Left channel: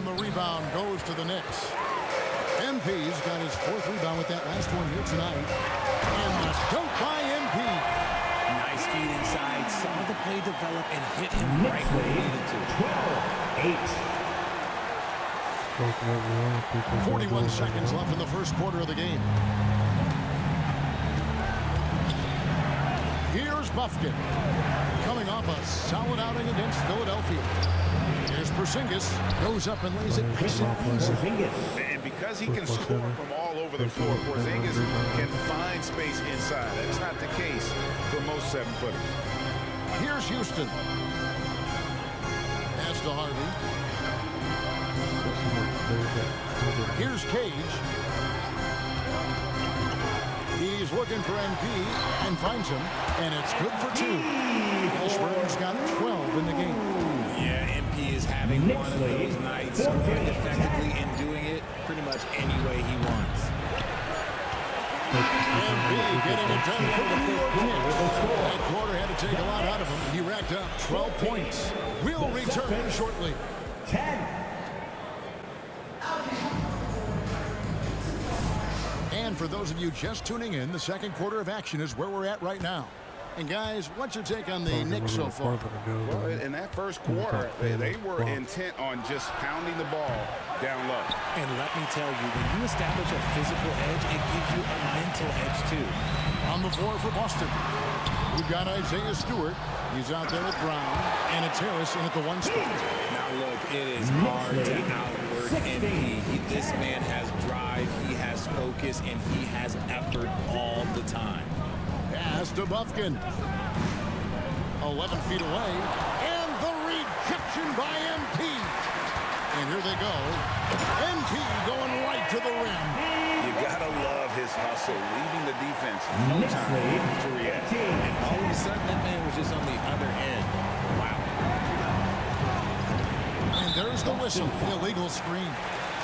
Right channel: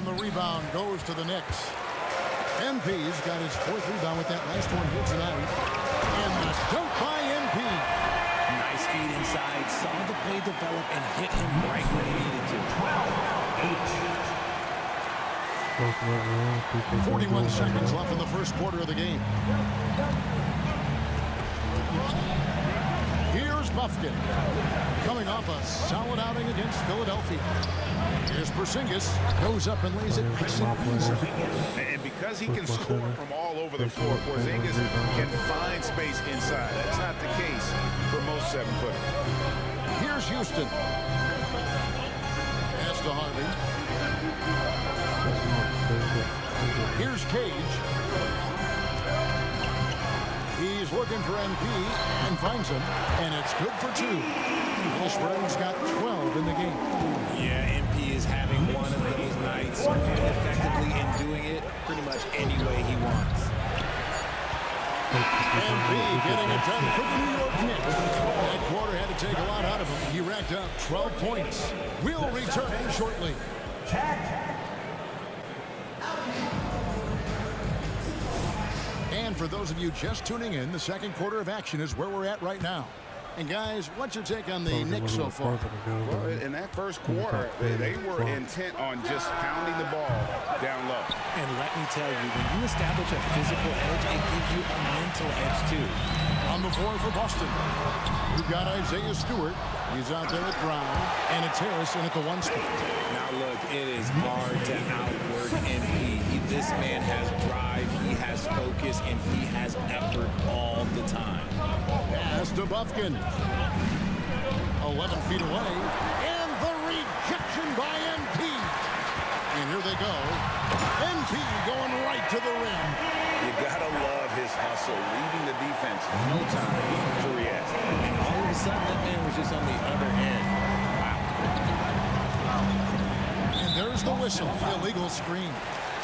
And the rebound goes to the Knicks. MP's got his 4th rebound with that last one here tonight. And the dunk by MP. Nice feed inside. Saw the play develop and hit him right when he needed to. 12-8. 41 seconds left in the first quarter of the game. Here's Bufkin, coming off a solid outing against Philadelphia. Here's Porzingis, goes up and lays it nice and easy. And because he can score from all over the floor, Porzingis can find space inside. That's not the case for most 7-footers. Here's Houston. Pass to Harvey. Here's Cage. He's looking for MP and finds him, and it's good for 2. Ashburn's got 12 in the game. Yeah, MP is having one of those nights, scoring effectively and doing it pretty much any way he wants. MP getting it done for the New York Knicks. That quarter had to take a lot out of him. He racked up 12 points. We'll return shortly. And for those of you just tuning in, the second quarter of action is where we're at right now. And guys, what's your take on the Knicks so far? Well, in that first quarter, they were intent on just pounding the ball down low. And let me tell you, when you establish a physical edge, it gives you a mental edge too. On the floor for Boston, we've got Isaiah Stewart. He's out there at Brown, and it's Harris in at the 1 spot. Now look, it is hard to outwork MP. This man has drive, he has focus, and he has effort all the time. Pass to Bufkin. 11 feet away, and the rejection by MP. And here they go. MP going right to the rim. You gotta love his hustle, leaving the defense no time to react. And all of a sudden, that man was just on the other end. Wow. And there's the whistle. Illegal screen.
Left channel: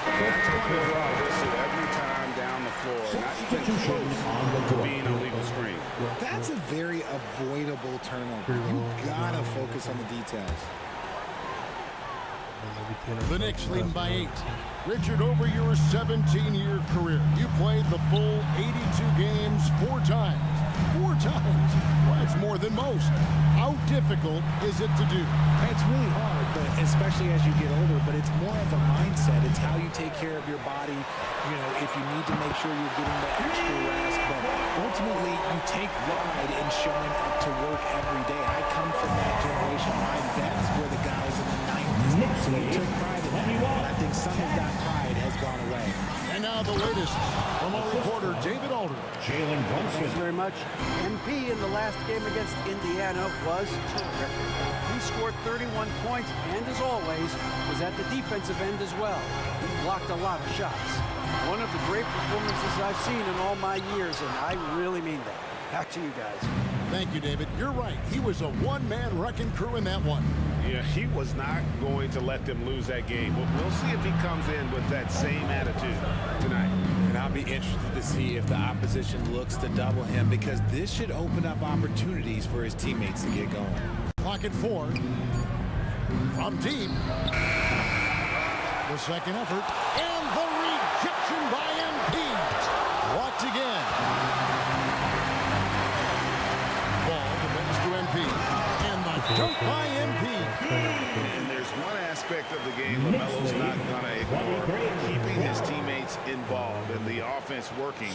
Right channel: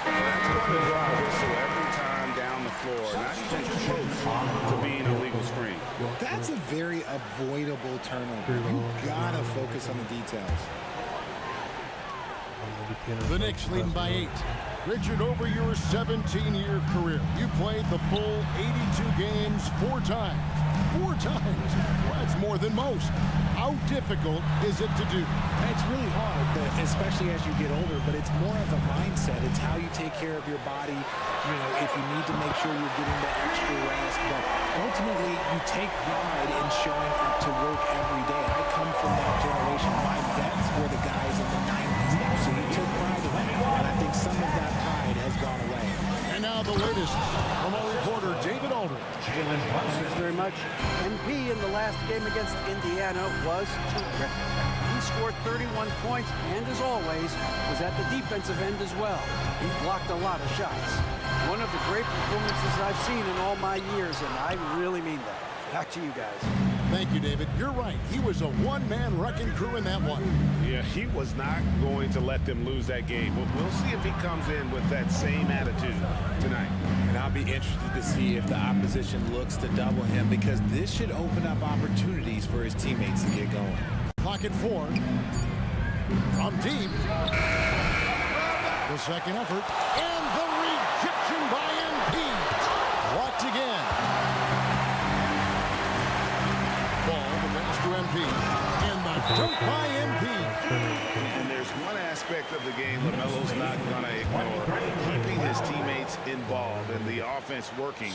That's going to draw a whistle every time down the floor. Not even close to being a legal screen. That's a very avoidable turnover. You gotta focus on the details. The Knicks leading by 8. Richard, over your 17-year career, you played the full 82 games 4 times. 4 times? Well, that's more than most. How difficult is it to do? It's really hard, but especially as you get older, but it's more of a mindset. It's how you take care of your body, you know, if you need to make sure you're getting the extra rest. But ultimately, you take pride in showing up to work every day. I come from that generation. My vets were the guys in the 90s. So you took pride in that. And I think some of that pride has gone away. And now the latest from our reporter, David Alder. Thanks very much. MP in the last game against Indiana was terrific. He scored 31 points and, as always, was at the defensive end as well. He blocked a lot of shots. One of the great performances I've seen in all my years, and I really mean that. Back to you guys. Thank you, David. You're right. He was a one-man wrecking crew in that one. Yeah, he was not going to let them lose that game. We'll see if he comes in with that same attitude tonight. And I'll be interested to see if the opposition looks to double him, because this should open up opportunities for his teammates to get going. Clock at 4. From deep. The second effort. And the rejection by MP. Blocked again. Ball, the pass to MP. And the dunk by MP. And there's one aspect of the game LaMelo's not going to ignore, keeping his teammates involved and the offense working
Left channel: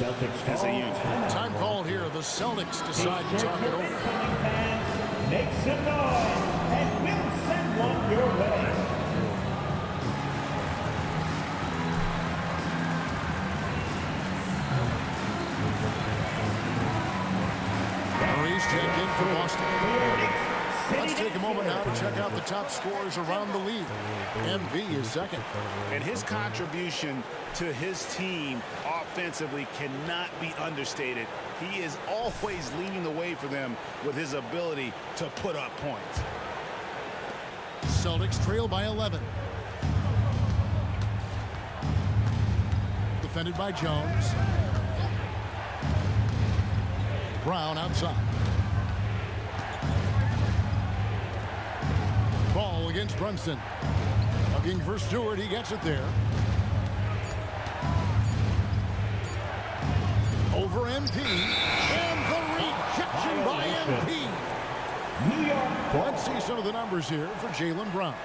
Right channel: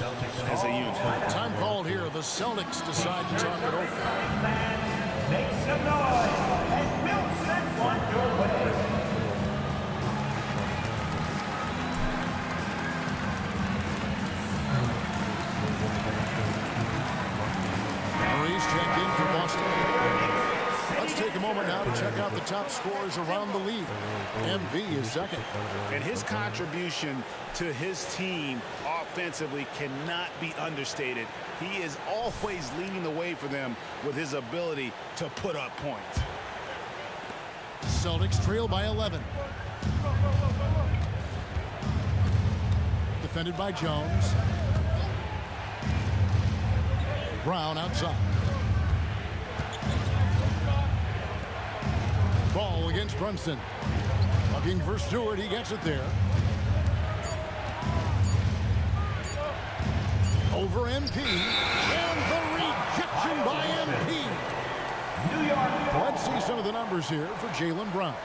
as a unit. Time called here. The Celtics decide to talk it over. Make some noise, and we'll send one your way. Maurice checked in for Boston. Let's take a moment now to check out the top scorers around the league. MV is second. And his contribution to his team offensively cannot be understated. He is always leading the way for them with his ability to put up points. Celtics trail by 11. Defended by Jones. Brown outside. Ball against Brunson. Looking for Stewart. He gets it there. Over MP. And the rejection by MP. New York. Let's see some of the numbers here for Jaylen Brown.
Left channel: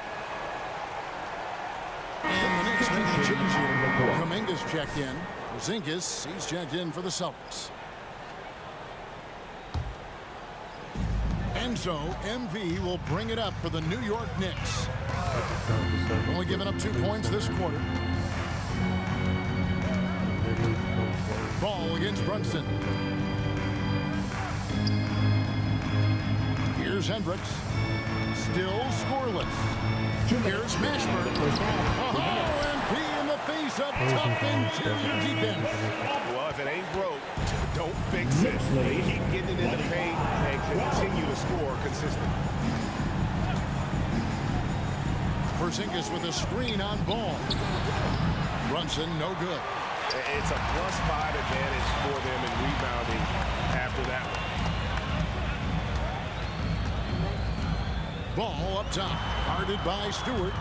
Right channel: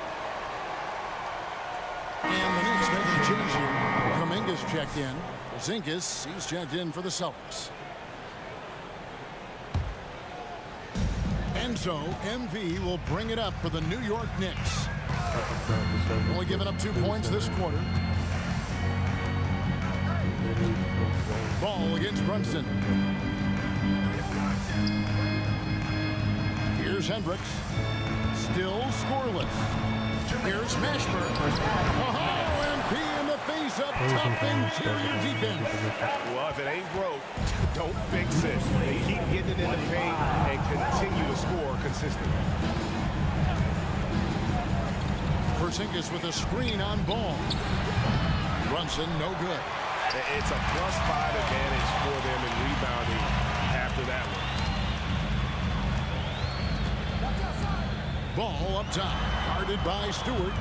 And the Knicks making a change here. Kuminga's checked in. Porzingis, he's checked in for the Celtics. And so, MV will bring it up for the New York Knicks. Only giving up 2 points this quarter. Ball against Brunson. Here's Hendricks. Still scoreless. Here's Mashburn. Oh, MP in the face of tough interior defense. Well, if it ain't broke, don't fix it. They keep getting it in the paint and continue to score consistently. Porzingis with a screen on Ball. Brunson, no good. It's a +5 advantage for them in rebounding after that one. Ball up top, guarded by Stewart.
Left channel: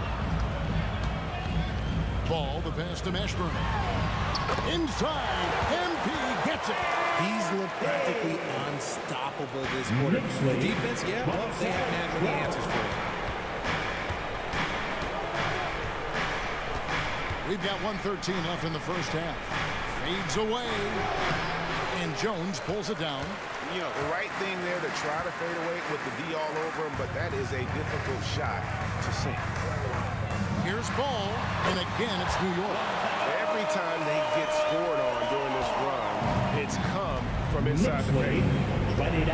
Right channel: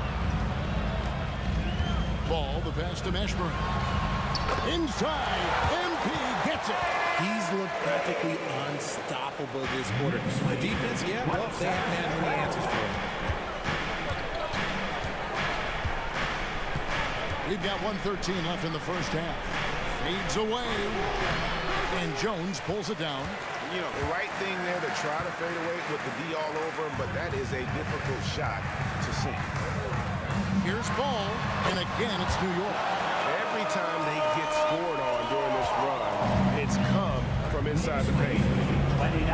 Ball, the pass to Mashburn. Inside, MP gets it. He's looked practically unstoppable this quarter. The defense, yeah, well, they haven't had many answers for him. We've got 1:13 left in the first half. Fades away. And Jones pulls it down. You know, the right thing there to try to fade away with the D all over him, but that is a difficult shot to sink. Here's Ball, and again it's New York. Every time they get scored on during this run, it's come from inside the paint.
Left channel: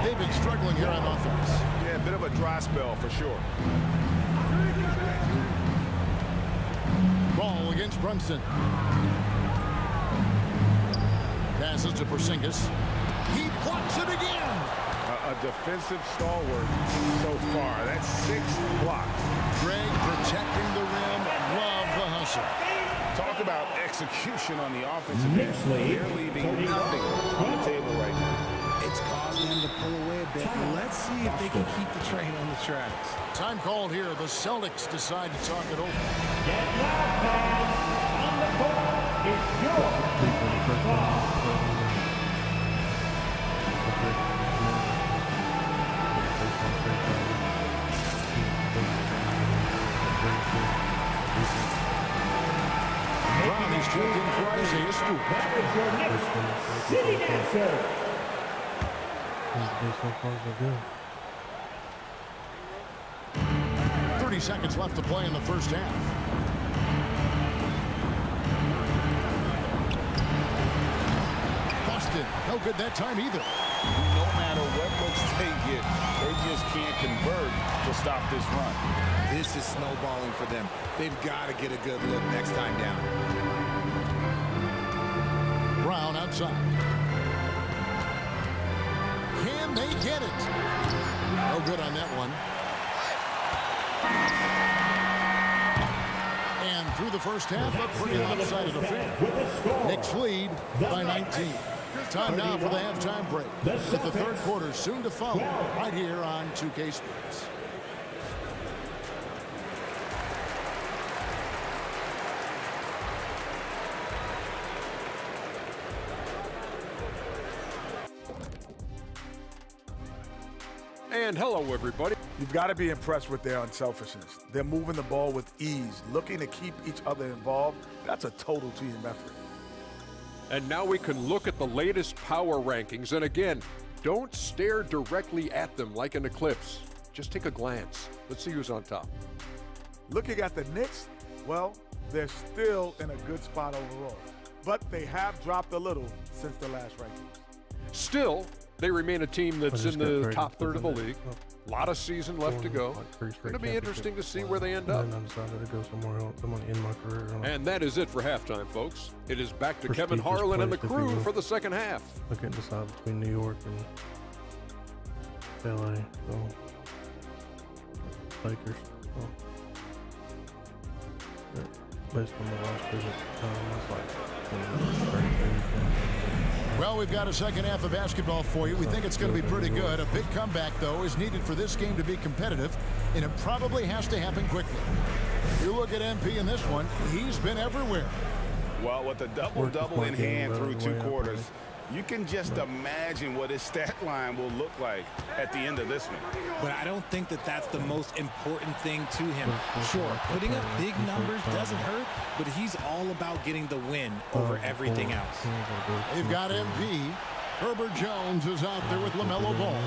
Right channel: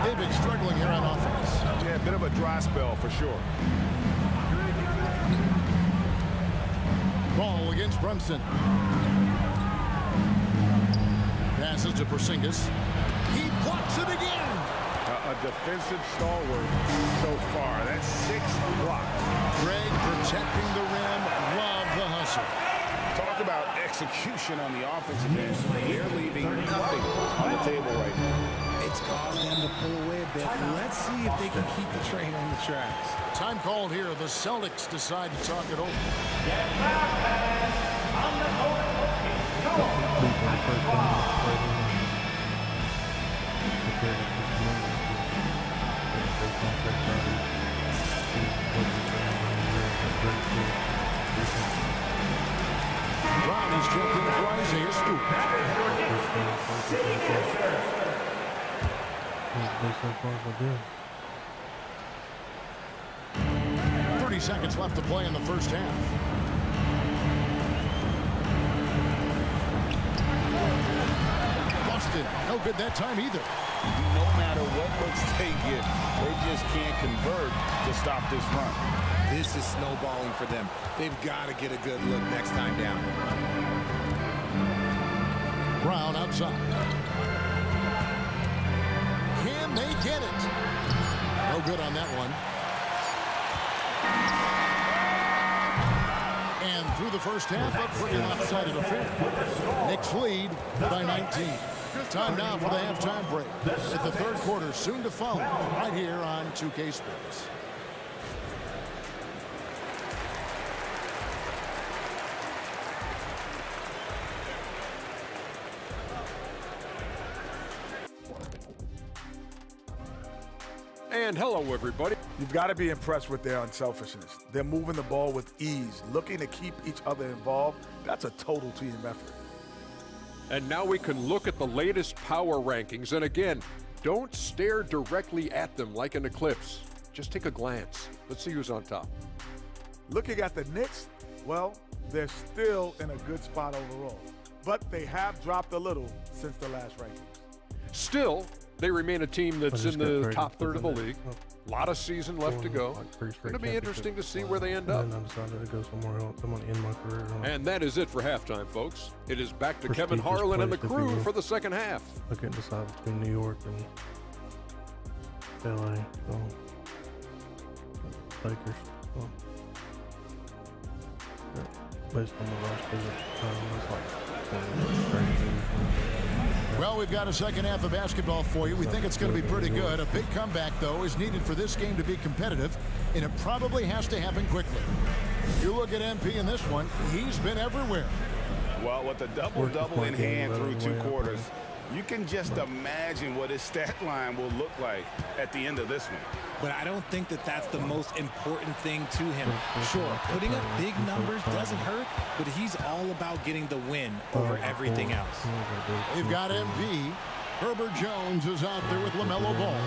They've been struggling here on offense. Yeah, a bit of a dry spell for sure. Ball against Brunson. Passes to Porzingis. He blocks it again. A defensive stalwart so far. That's 6 blocks. Greg protecting the rim. Love the hustle. Talk about execution on the offensive end. They're leaving nothing on the table right now. It's caused them to pull away a bit. Let's see if they can keep the train on the tracks. Time called here. The Celtics decide to talk it over. Get loud, fans. On the court is Brown is checked in for Isaiah Stewart. Back with your Knicks city answer. 30 seconds left to play in the first half. Boston, no good that time either. No matter what looks they get, they just can't convert to stop this run. This is snowballing for them. They've got to get a good look next time down. Brown outside. Can they get it? No good on that one. And through the first half, a pretty lopsided affair. Knicks lead by 19. Time now for the halftime break. At the third quarter, soon to follow, right here on 2K Sports. And hello, everybody. You've got to be impressed with their unselfishness. They're moving the ball with ease, looking to keep each other involved. That's a total team effort. And now we can look at the latest power rankings. And again, don't stare directly at them like an eclipse. Just take a glance. Let's see who's on top. Looking at the Knicks, well, they're still in a good spot overall. But they have dropped a little since the last rankings. Still, they remain a team that's in the top third of the league. A lot of season left to go. Going to be interesting to see where they end up. And then I decided to go somewhere else. I'm going to end my career. And that is it for halftime, folks. It is back to Kevin Harlan and the crew for the second half. I couldn't decide between New York and LA. So, Lakers. So, based on the roster at the time, I was like 32, 23. Well, we've got a second half of basketball for you. We think it's going to be pretty good. A big comeback, though, is needed for this game to be competitive, and it probably has to happen quickly. You look at MP in this one, he's been everywhere. Well, with a double-double in hand through 2 quarters, you can just imagine what his stat line will look like at the end of this one. But I don't think that that's the most important thing to him. Sure, putting up big numbers doesn't hurt, but he's all about getting the win over everything else. They've got MP. Herbert Jones is out there with LaMelo Ball.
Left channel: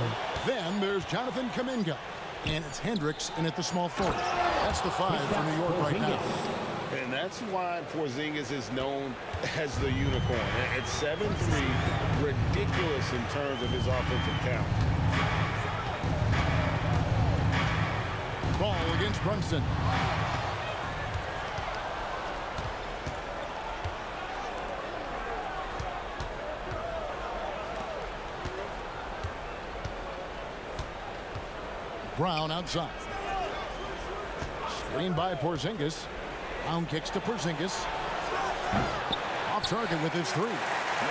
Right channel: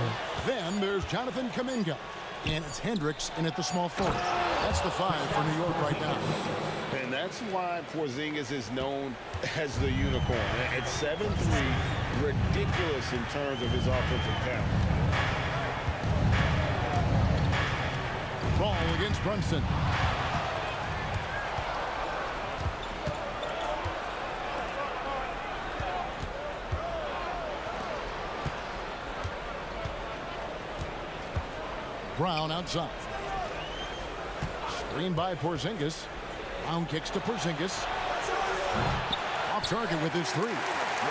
Then there's Jonathan Kuminga. And it's Hendricks in at the small forward. That's the 5 for New York right now. And that's why Porzingis is known as the unicorn. At 7'3", ridiculous in terms of his offensive talent. Ball against Brunson. Brown outside. Screen by Porzingis. Brown kicks to Porzingis. Off target with his 3.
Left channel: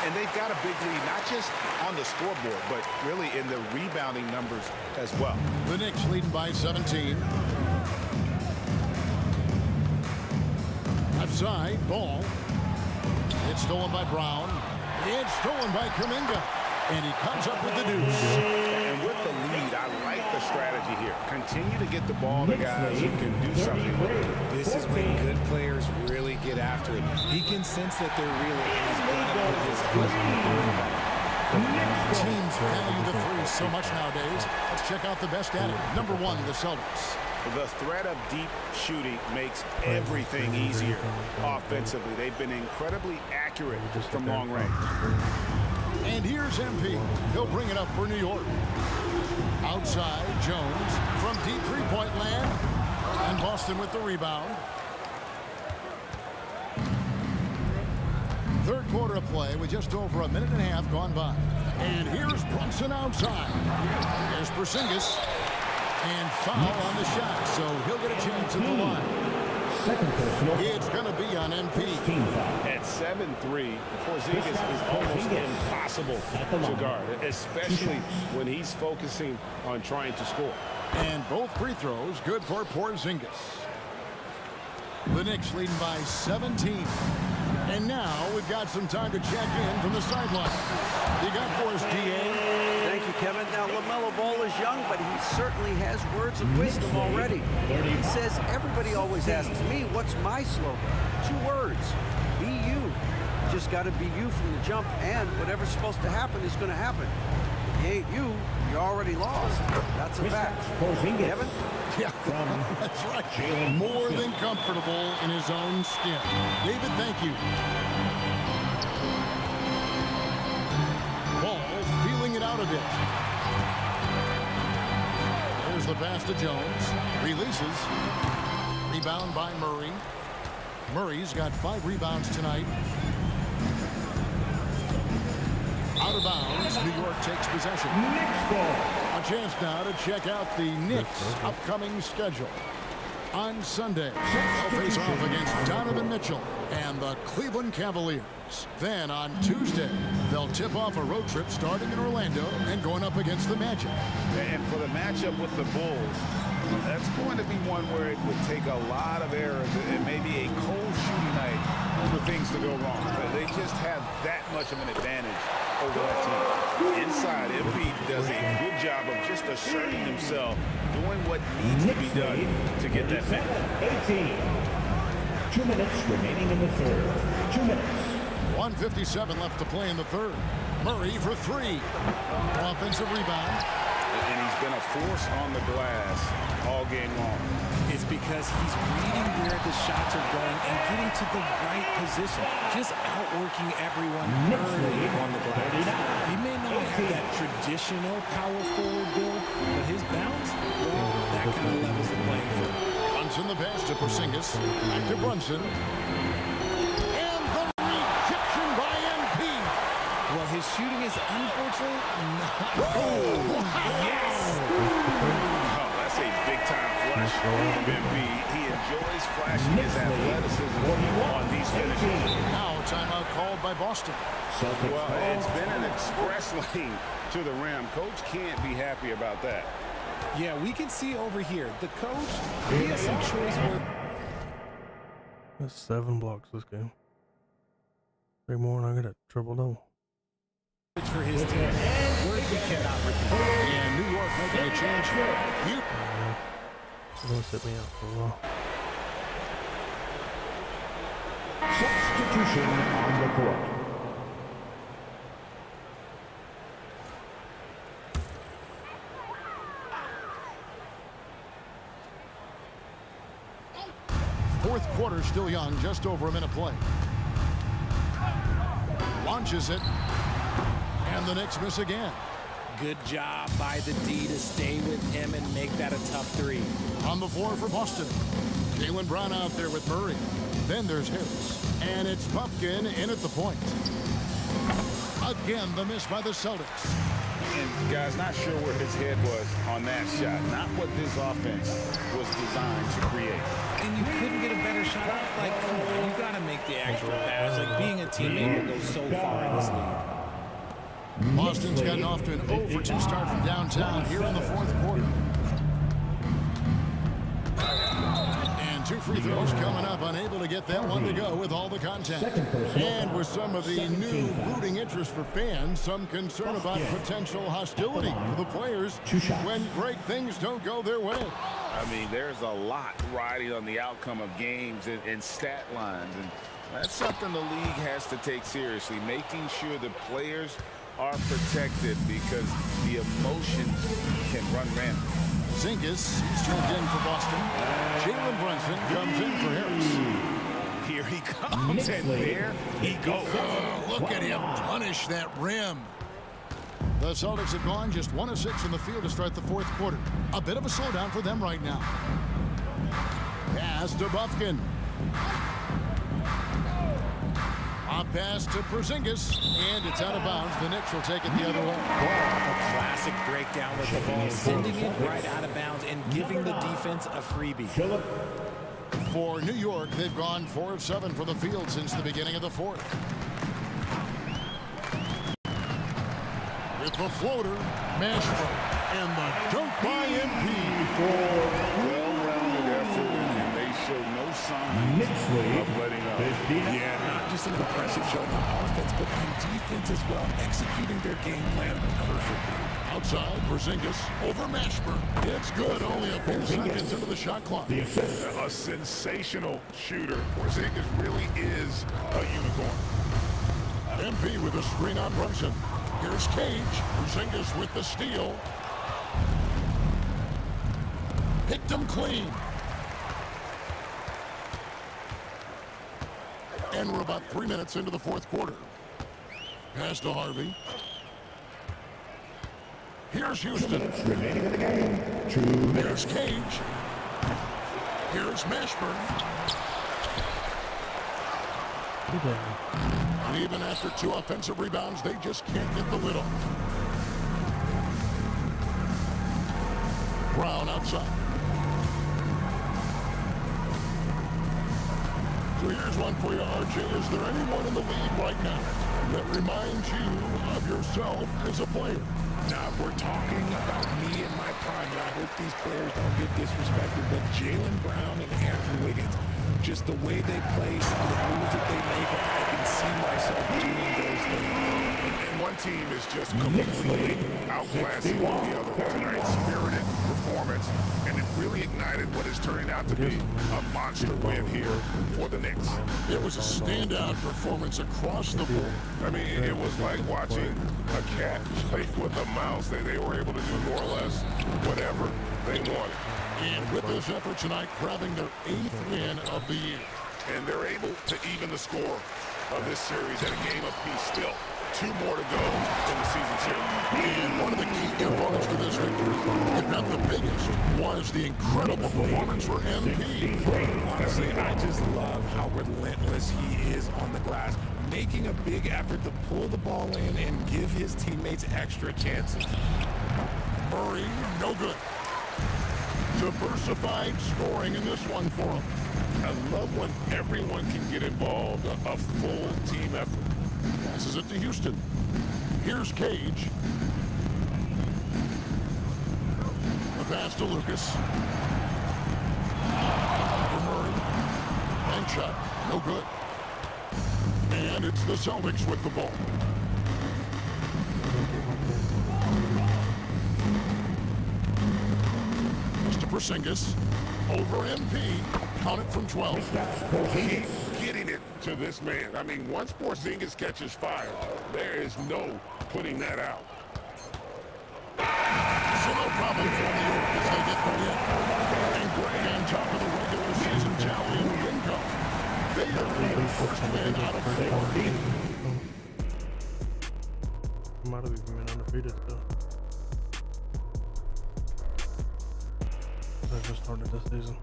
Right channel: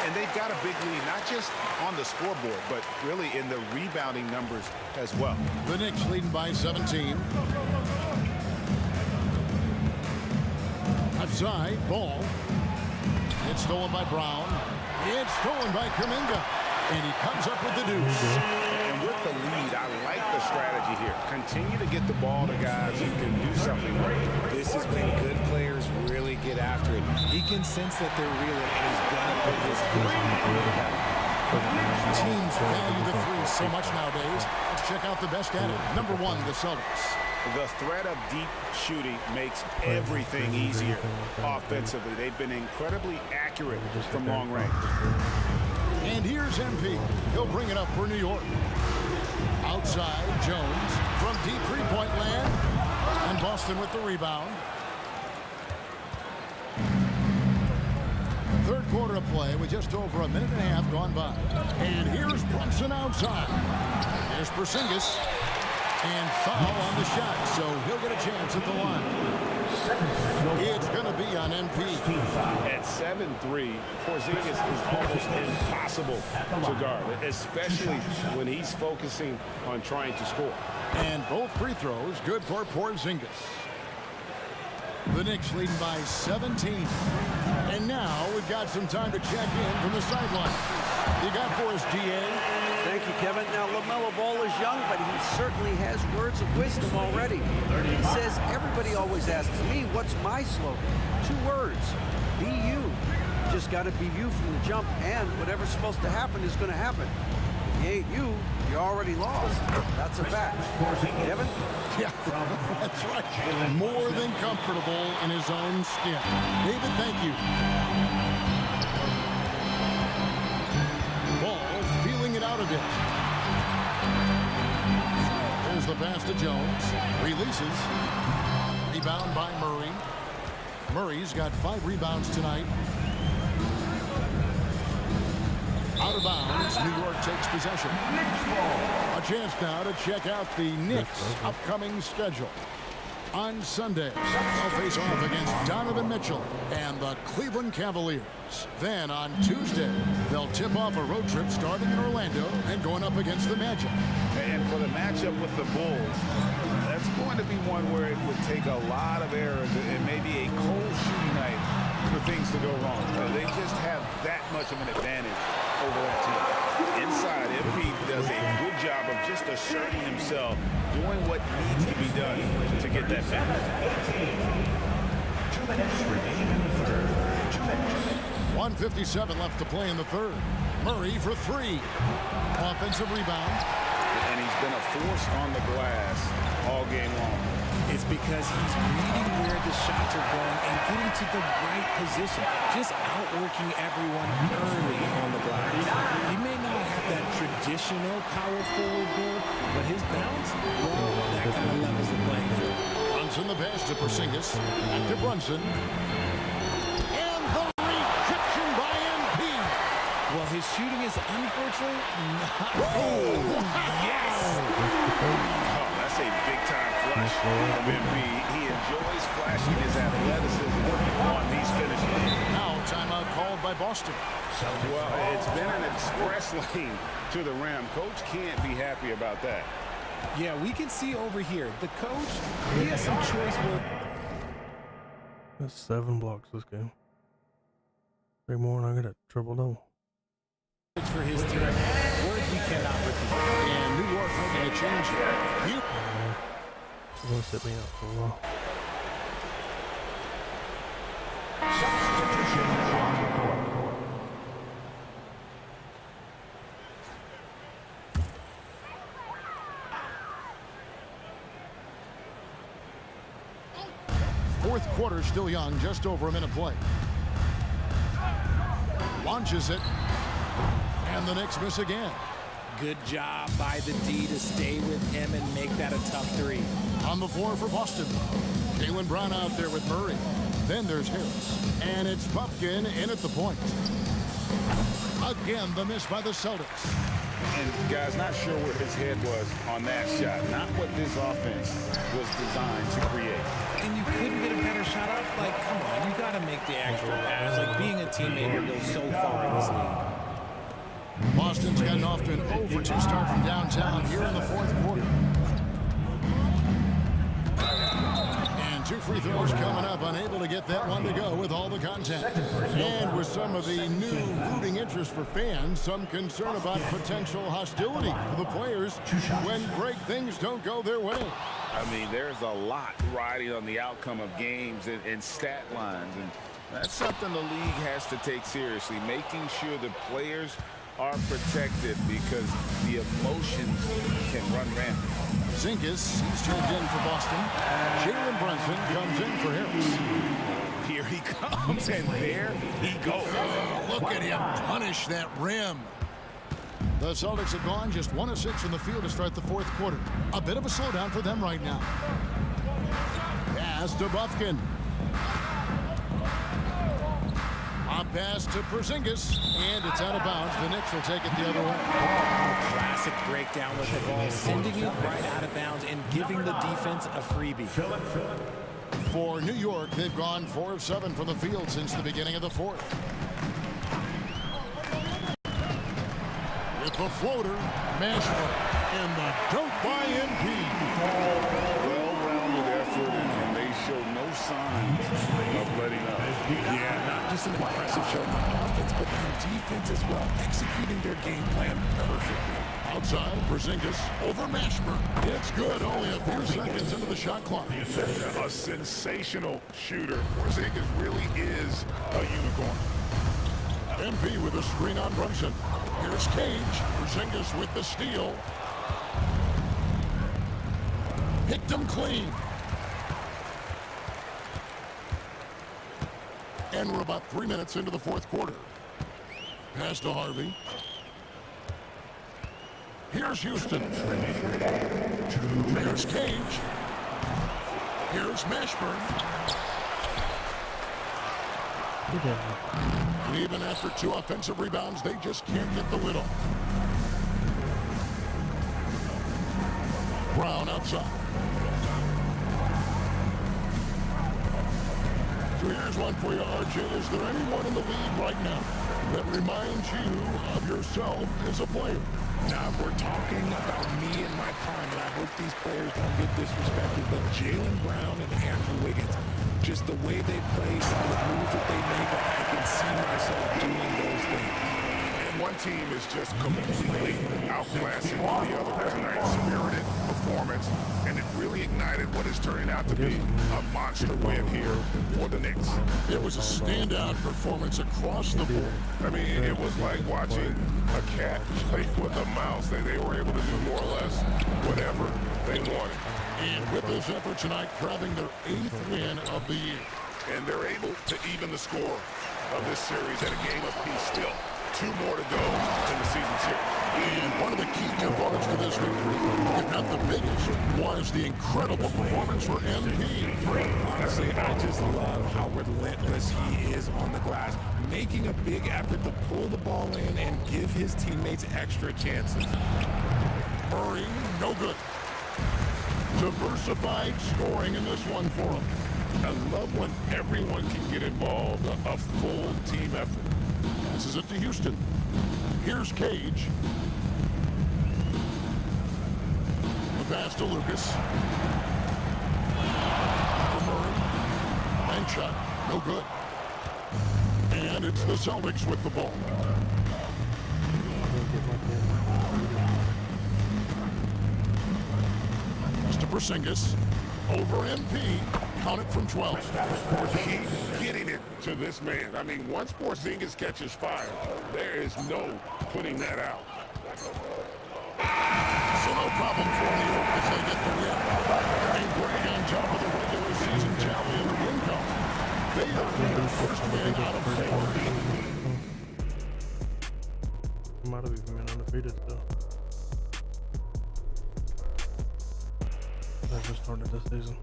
And they've got a big lead, not just on the scoreboard, but really in the rebounding numbers as well. The Knicks leading by 17. Left side, Ball. It's stolen by Brown. It's stolen by Kuminga. And he comes up with the deuce. And with the lead, I like the strategy here. Continue to get the ball to guys who can do something with it. This is when good players really get after it. He can sense that they're reeling, and he's going to put his foot on the pedal. Teams value the 3 so much nowadays. Let's check out the best at it. Number 1, the Celtics. The threat of deep shooting makes everything easier offensively. They've been incredibly accurate from long range. And here's MP. He'll bring it up for New York. Outside, Jones from deep three-point land. And Boston with the rebound. Third quarter of play with just over a minute and a half gone by. And here's Brunson outside. Here's Porzingis. And foul on the shot, so he'll get a chance at the line. It's going to be on MP. At 7'3", Porzingis is almost impossible to guard, especially when he's focusing on trying to score. And both free throws good for Porzingis. The Knicks leading by 17. And now we've got some time to check in from the sideline. You got for us, GA? Thank you, Kevin. Now, LaMelo Ball is young, but he certainly has words of wisdom already. He says, everybody always asks me, what's my slogan? 2 words, be you. You just got to be you from the jump, and whatever's supposed to happen is going to happen. If you ain't you, you're already lost. That's a fact. Kevin? Yeah, that's right. More than comfortable in his own skin. David, thank you. Ball feeling it out a bit. There's the pass to Jones. Releases. Rebound by Murray. Murray's got 5 rebounds tonight. Out of bounds, New York takes possession. A chance now to check out the Knicks' upcoming schedule. On Sunday, they'll face off against Donovan Mitchell and the Cleveland Cavaliers. Then on Tuesday, they'll tip off a road trip starting in Orlando and going up against the Magic. And for the matchup with the Bulls, that's going to be one where it would take a lot of errors and maybe a cold shooting night for things to go wrong. They just have that much of an advantage over that team. Inside, MP does a good job of just asserting himself, doing what needs to be done to get that finish. 18. 2 minutes remaining in the third. 2 minutes. 1:57 left to play in the third. Murray for 3. Offensive rebound. And he's been a force on the glass all game long. It's because he's reading where the shots are going and getting to the right position, just outworking everyone early on the glass. He may not have that traditional power forward build, but his bounce, well, that kind of levels the playing field. Brunson the pass to Porzingis. Back to Brunson. And the rejection by MP. Well, his shooting is unfortunately not. Oh, wow. Yes! Oh, that's That's a big-time flush from MP. He enjoys flashing his athleticism on these finishes. Now a timeout called by Boston. Well, it's been an express lane to the rim. Coach can't be happy about that. Yeah, we can see over here. The coach, he has some choice work. That's 7 blocks this game. 3 more and I get a triple-double. For his team. Words we cannot repeat. And New York making a change here. They're going to sit me out for a while. Substitution on the court. Fourth quarter still young, just over a minute play. Launches it. And the Knicks miss again. Good job by the D to stay with him and make that a tough 3. On the floor for Boston. Jaylen Brown out there with Murray. Then there's Harris. And it's Pumpkin in at the point. Again, the miss by the Celtics. And guys, not sure where his head was on that shot. Not what this offense was designed to create. And you couldn't get a better shot off? Like, come on, you got to make the extra pass. Like, being a teammate will go so far in this league. Boston's gotten off to an 0-for-2 start from downtown here in the fourth quarter. And 2 free throws coming up, unable to get that one to go with all the contact. And with some of the new rooting interest for fans, some concern about potential hostility for the players when great things don't go their way. I mean, there's a lot riding on the outcome of games and stat lines. And that's something the league has to take seriously, making sure the players are protected because the emotions can run rampant. Zingas, he's turned in for Boston. Jalen Brunson comes in for Harris. Here he comes, and there he goes. Oh, look at him punish that rim. The Celtics have gone just 1 of 6 in the field to start the fourth quarter. A bit of a slowdown for them right now. Pass to Bufkin. A pass to Porzingis, and it's out of bounds. The Knicks will take it the other way. A classic breakdown with the ball, sending it right out of bounds and giving the defense a freebie. For New York, they've gone 4 of 7 from the field since the beginning of the fourth. With the floater, Mashburn, and the dunk by MP. Well-rounded effort, and they show no signs of letting up. Yeah, not just an impressive showing on offense, but on defense as well, executing their game plan perfectly. Outside, Porzingis over Mashburn. It's good, only a few seconds into the shot clock. A sensational shooter. Porzingis really is a unicorn. MP with a screen on Brunson. Here's Cage. Porzingis with the steal. Picked him clean. And we're about 3 minutes into the fourth quarter. Pass to Harvey. Here's Houston. Remaining in the game. 2 minutes. Here's Cage. Here's Mashburn. And even after 2 offensive rebounds, they just can't get the lid off. Brown outside. So here's one for you, RJ. Is there anyone in the league right now that reminds you of yourself as a player? Now, if we're talking about me in my prime, and I hope these players don't get disrespected, but Jaylen Brown and Andrew Wiggins, just the way they play, some of the moves that they make, I can see myself doing those things. And one team is just completely outclassing the other tonight. Spirited performance, and it really ignited what is turning out to be a monster win here for the Knicks. It was a standout performance across the board. I mean, it was like watching a cat play with a mouse. They were able to do more or less whatever they wanted. And with this effort tonight, grabbing their 8th win of the year. And they're able to even the score of this series at a game apiece still. 2 more to go in the season series. And one of the key components to this victory, if not the biggest, was the incredible performance for MP. Honestly, I just love how relentless he is on the glass, making a big effort to pull the ball in and give his teammates extra chances. Murray, no good. Diversified scoring in this one for them. I love when everyone can get involved, a full team effort. Passes it to Houston. Here's Cage. The pass to Lucas. For Murray. Bank shot. No good. And it's the Celtics with the ball. Pass to Porzingis. Over MP. Count it from 12. Keep getting it to this man. I mean, once Porzingis catches fire, there is no putting that out. So no problem for New York as they get the win. And Greg on top of the regular season tally in the win count. They earned their first win out of 4. Might have even been undefeated still. They just started this season.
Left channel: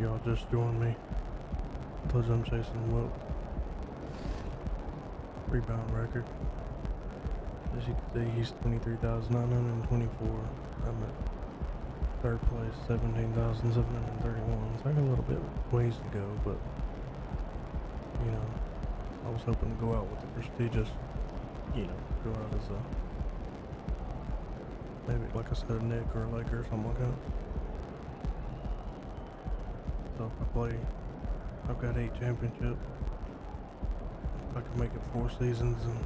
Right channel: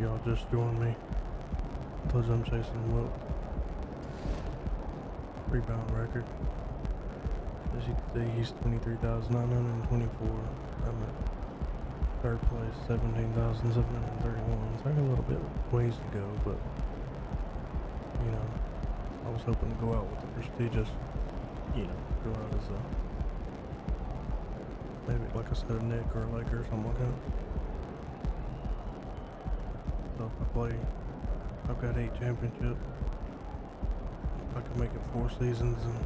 Y'all just joined me. Told you I'm chasing Wilt. Rebound record. As you can see, he's 23,924. I'm at third place, 17,731. So I got a little bit ways to go, but you know, I was hoping to go out with the prestigious, you know, go out as a maybe like I said, a Nick or a Laker or something like that. So if I play, I've got 8 championships. If I can make it 4 seasons and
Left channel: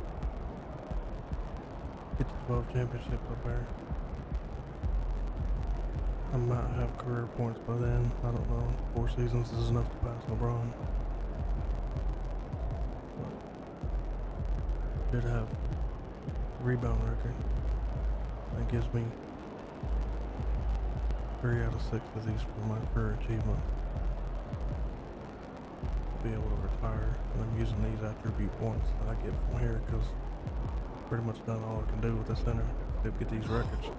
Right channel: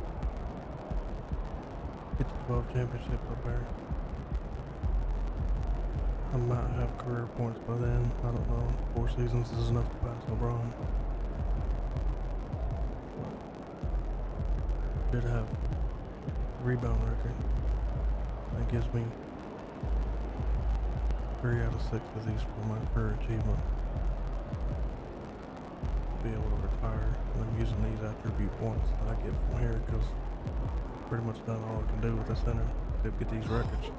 get to 12 championships up there, I might have career points by then. I don't know. 4 seasons is enough to pass LeBron. But did have a rebound record. That gives me 3 out of 6 of these for my career achievement. Be able to retire, and I'm using these attribute points that I get from here because pretty much done all I can do with the center to get these records.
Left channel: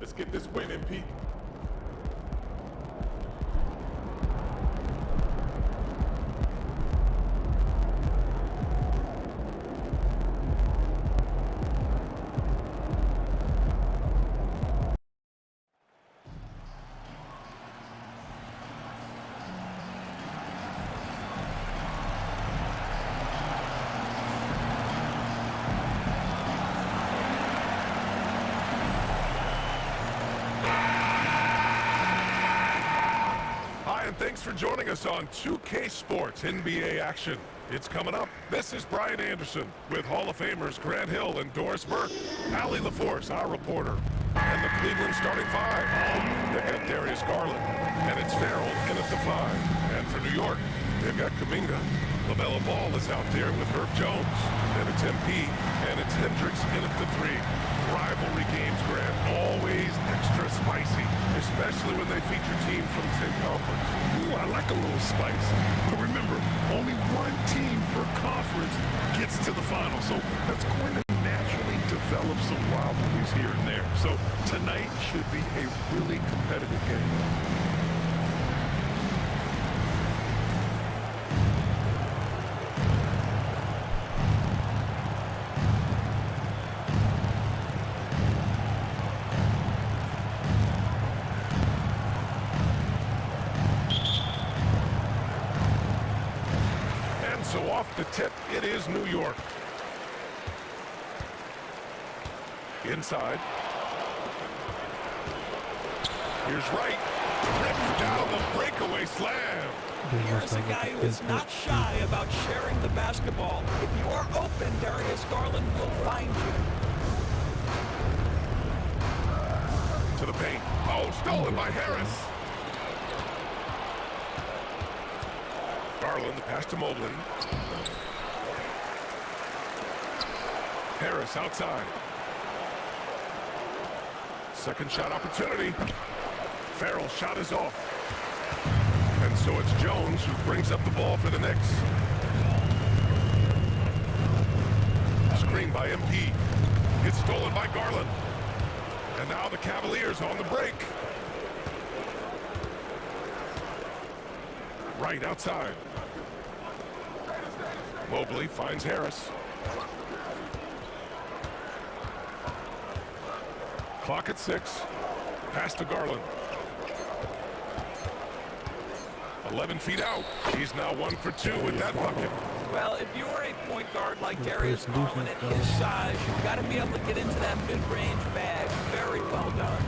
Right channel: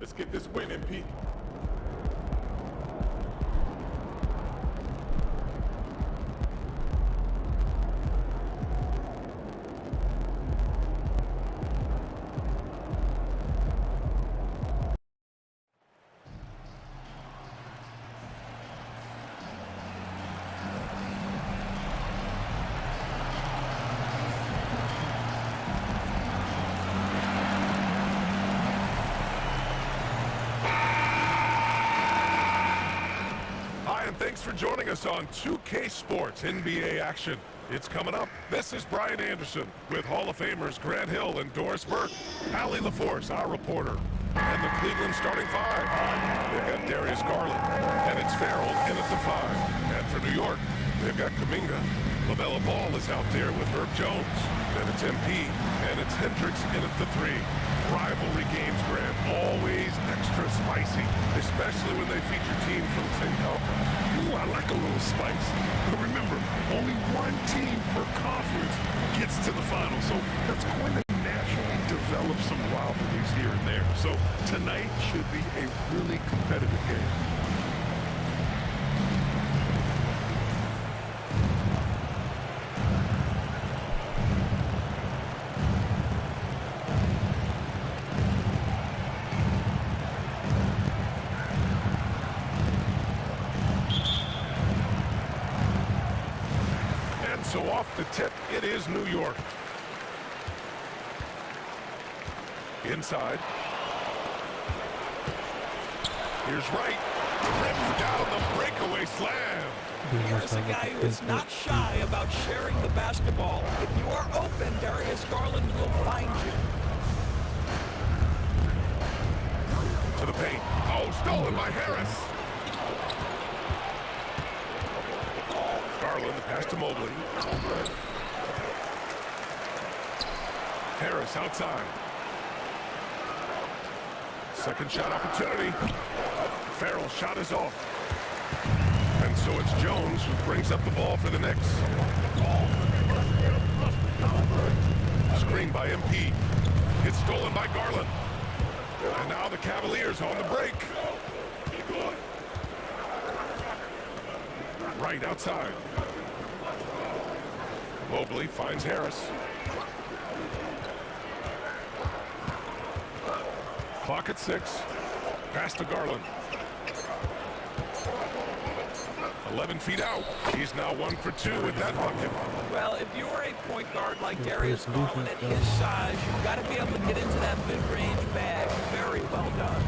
Let's get this win, MP. and thanks for joining us on 2K Sports NBA action. It's coming up. This is Brian Anderson with Hall of Famers Grant Hill and Doris Burke, Allie LaForce, our reporter, and the Cleveland starting five. They've got Darius Garland, and it's Farrell in at the five. And for New York, they've got Kuminga. LaMelo Ball is out there with Herb Jones. Then it's MP, and it's Hendricks in at the three. Rivalry games, Grant, always extra spicy, especially when they feature teams from the same conference. Ooh, I like a little spice. But remember, only one team per conference gets to the final, so that's going to naturally develop some rivalries here and there. So tonight should be a really competitive game. So off the tip, it is New York. Inside. Here's Wright. Rips down the breakaway slam. Here's a guy who is not shy about sharing the basketball. If you are open, Darius Garland will find you. To the paint. Oh, stolen by Harris. Garland, the pass to Mobley. Harris outside. Second shot opportunity. Farrell's shot is off. And so it's Jones who brings up the ball for the Knicks. Screen by MP. It's stolen by Garland. And now the Cavaliers on the break. Right outside. Mobley finds Harris. Clock at 6. Pass to Garland. 11 feet out. He's now 1 for 2 with that bucket. Well, if you're a point guard like Darius Garland at his size, you've got to be able to get into that mid-range bag. Very well done.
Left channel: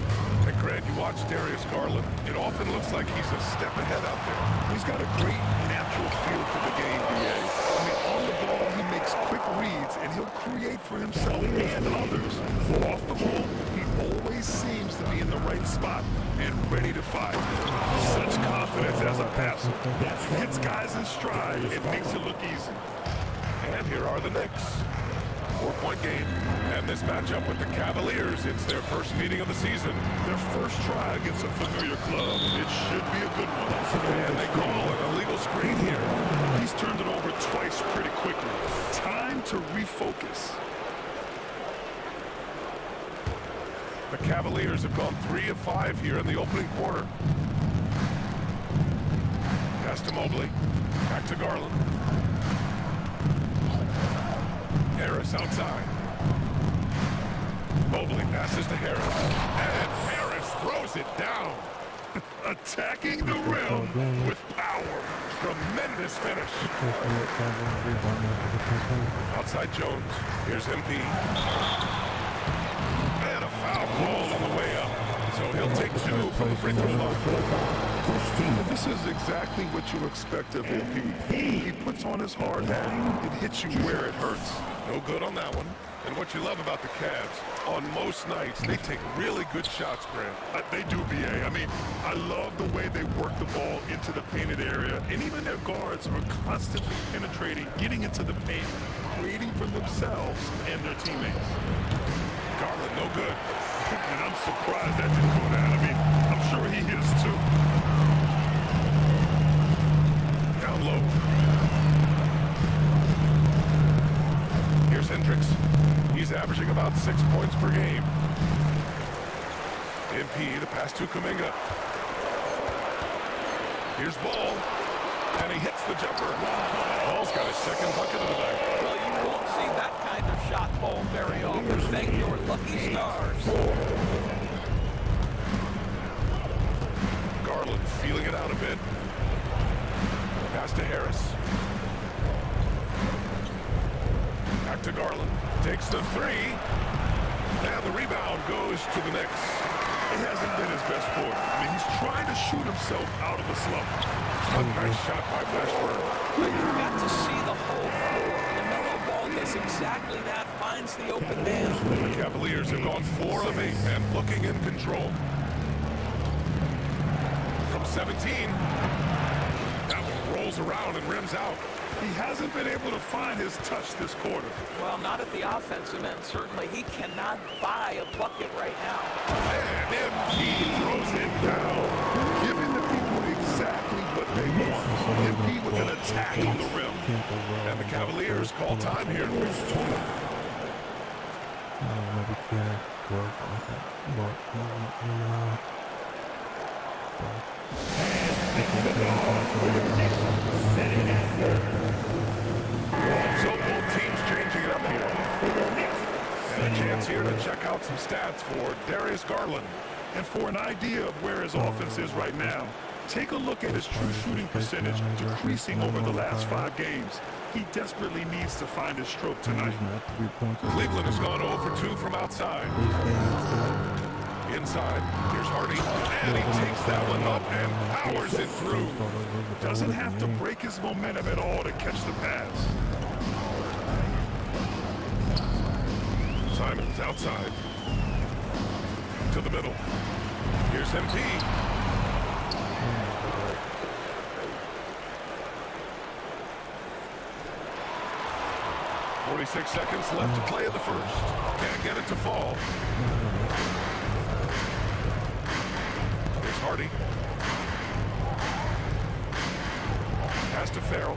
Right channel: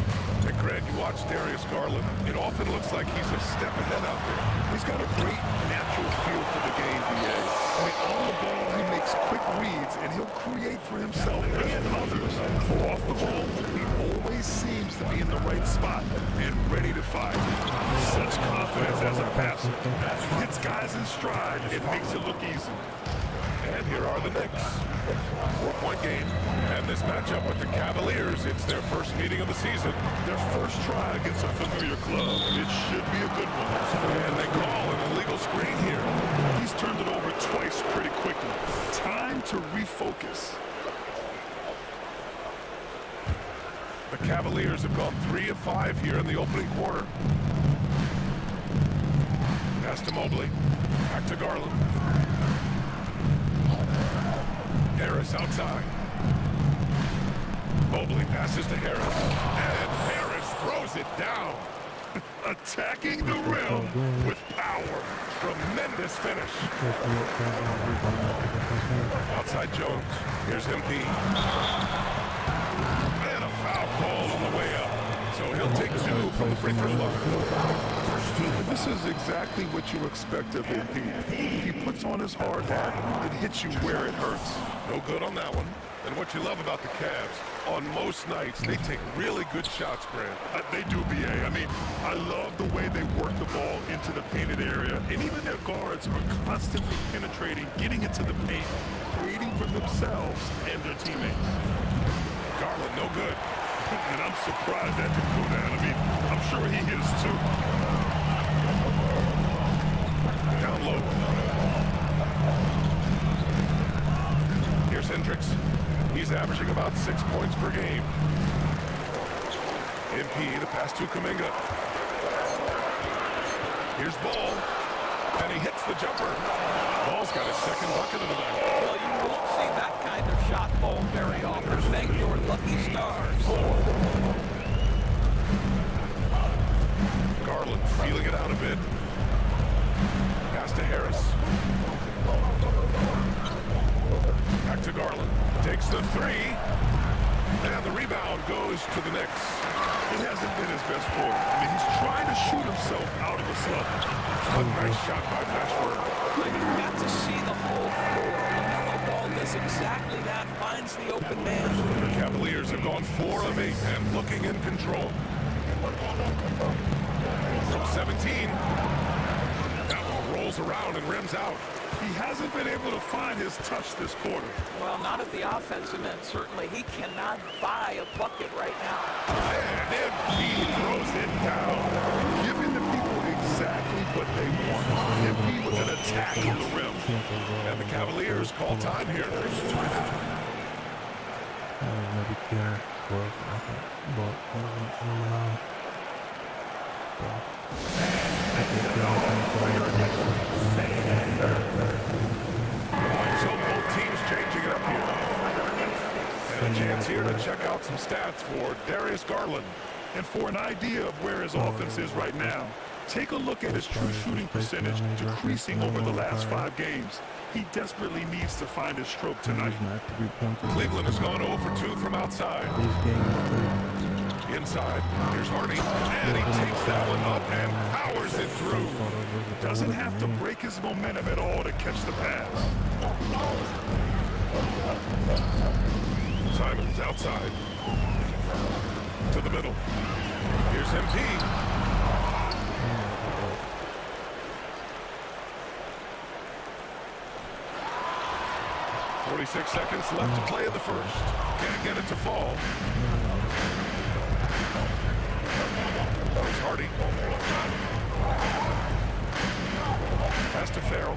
And Grant, you watch Darius Garland, it often looks like he's a step ahead out there. He's got a great natural feel for the game, B.A. I mean, on the ball, he makes quick reads, and he'll create for himself and others. Off the ball, he always seems to be in the right spot and ready to fire. Such confidence as a passer. He hits guys in stride. It makes it look easy. And here are the Knicks. 4-point game. And this matchup with the Cavaliers, it's their first meeting of the season. Their first try against a familiar club. It should be a good one. And they call an illegal screen here. He's turned it over twice pretty quickly. Time to refocus. The Cavaliers have gone 3 of 5 here in the opening quarter. Pass to Mobley. Back to Garland. Harris outside. Mobley passes to Harris. And Harris throws it down. Attacking the rim with power. Tremendous finish. Outside Jones. Here's MP. And a foul call on the way up. So he'll take 2 from the free throw line. This is exactly what you expect of MP. He puts on his hard hat. It hits you where it hurts. No good on that one. And what you love about the Cavs, on most nights, they take really good shots, Grant. They do, B.A. I mean, I love the way they work the ball into the painted area. And even their guards are constantly penetrating, getting into the paint, creating for themselves and their teammates. Garland, no good. And I'm surprised that didn't go down. I mean, I'm sure he is too. Down low. Here's Hendricks. He's averaging about 6 points per game. MP, the pass to Kuminga. Here's Ball. And he hits the jumper. Ball's got his second bucket of the night. Well, you won't see that kind of shot ball very often. Thank your lucky stars. Garland feeling it out a bit. Pass to Harris. Back to Garland. Takes the 3. And the rebound goes to the Knicks. It hasn't been his best quarter. I mean, he's trying to shoot himself out of a slump. A nice shot by Mashburn. But you got to see the whole floor. LaMelo Ball does exactly that, finds the open man. The Cavaliers have gone 4 of 8 and looking in control. From 17, that one rolls around and rims out. He hasn't been able to find his touch this quarter. Well, not at the offensive end, certainly. He cannot buy a bucket right now. And MP throws it down, giving the people exactly what they want. MP with an attack on the rim. And the Cavaliers call time here. Maybe Kenner broke like that, but number 9. So both teams changing it up here. And a chance here to check out some stats for Darius Garland. And for an idea of where his offense is right now, take a look at his true shooting percentage decreasing over the last 5 games. He desperately needs to find his stroke tonight. Cleveland has gone 0 for 2 from outside. Inside, here's Hardy, and he takes that one up and powers it through. Doesn't have to break his momentum at all to catch the pass. Simons outside. To the middle. Here's MP. 46 seconds left to play in the first. Can't get it to fall. Here's Hardy. Pass to Farrell.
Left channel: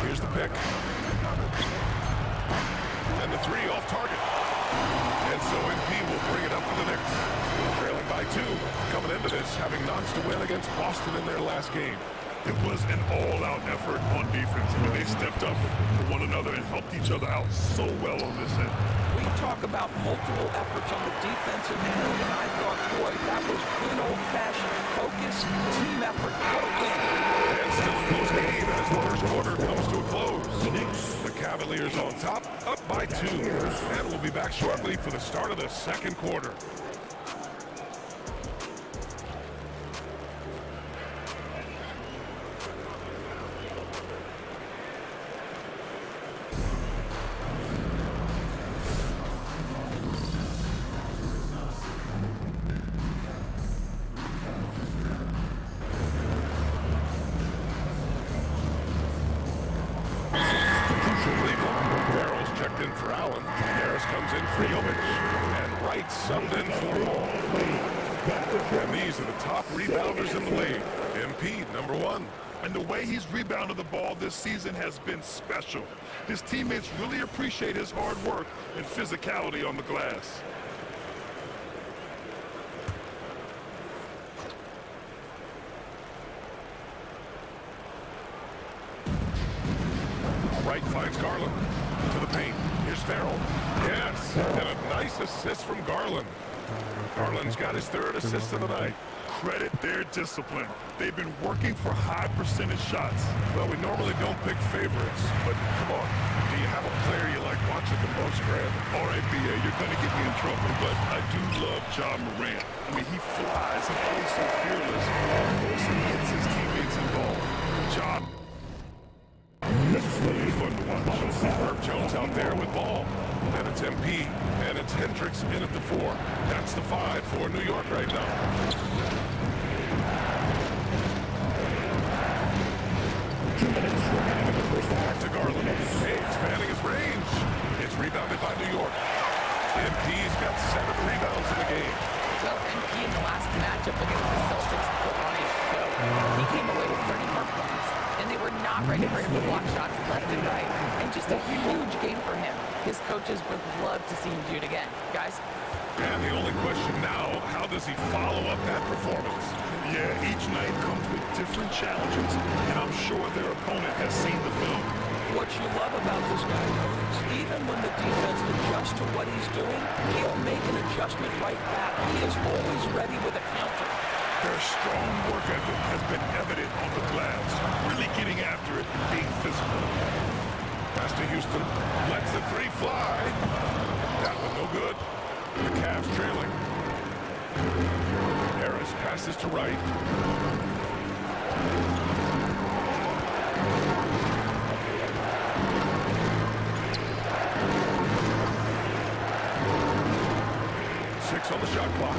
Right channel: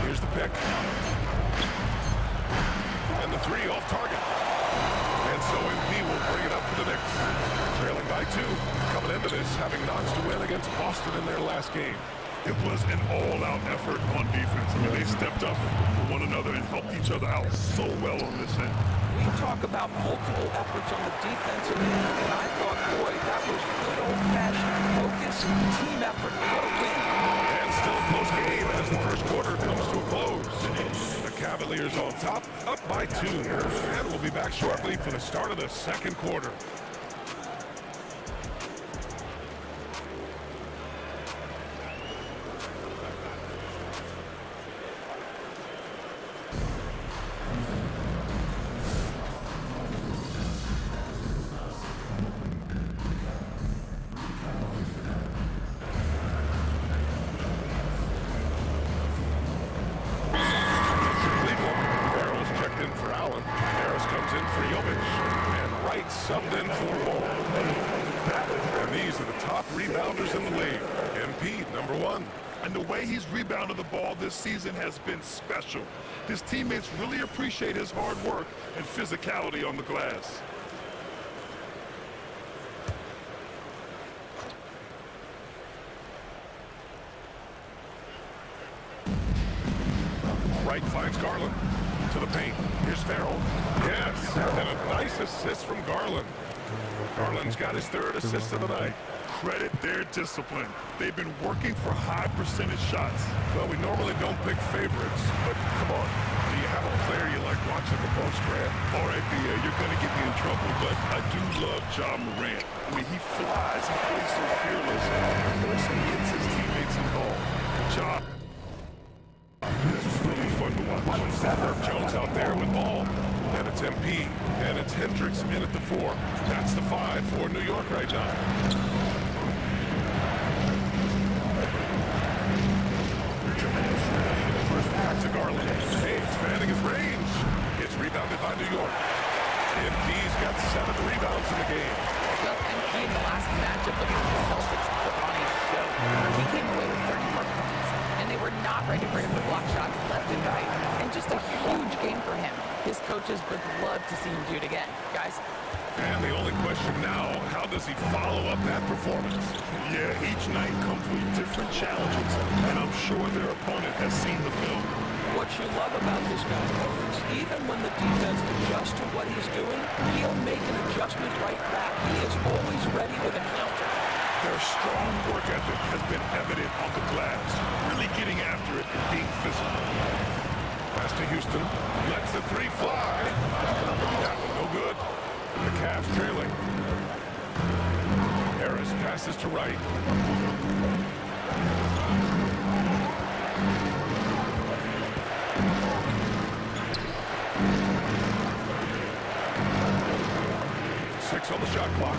Here's the pick. And the 3 off target. And so MP will bring it up for the Knicks. Trailing by 2, coming into this, having knocks to win against Boston in their last game. It was an all-out effort on defense. I mean, they stepped up for one another and helped each other out so well on this end. We talk about multiple efforts on the defensive end, and I thought, boy, that was good old-fashioned focus, team effort. What a win. And still a close game as the first quarter comes to a close. The Cavaliers on top, up by 2. And we'll be back shortly for the start of the second quarter. In for Allen. Harris comes in for Jovic. And Wright subbed in for Ball. And these are the top rebounders in the league. MP, number 1. And the way he's rebounded the ball this season has been special. His teammates really appreciate his hard work and physicality on the glass. Wright finds Garland. To the paint. Here's Farrell. Yes, and a nice assist from Garland. Garland's got his 3rd assist of the night. Credit their discipline. They've been working for high percentage shots. Well, we normally don't pick favorites, but come on. Do you have a player you like watching the most, Grant? All right, B.A., you're going to get me in trouble, but I do love John Morant. I mean, he flies. He plays so fearless. He also gets his teammates involved. John. It's really fun to watch. Herb Jones out there with Ball. And it's MP. And it's Hendricks in at the 4. That's the 5 for New York right now. Back to Garland. Hey, expanding his range. It's rebounded by New York. MP's got 7 rebounds in the game. Well, MP in the last matchup against the Celtics put on a show. He came away with 34 points, and they were not ready for him to block shots left and right. And just a huge game for him. His coaches would love to see him do it again. Guys? And the only question now, how does he follow up that performance? Yeah, each night comes with different challenges, and I'm sure their opponent has seen the film. What you love about this guy, though, is even when the defense adjusts to what he's doing, he'll make an adjustment right back. He is always ready with a counter. Their strong work ethic has been evident on the glass, really getting after it and being physical. Pass to Houston. Lets the three fly. That one no good. The Cavs trailing. Harris passes to Wright. Six on the shot clock.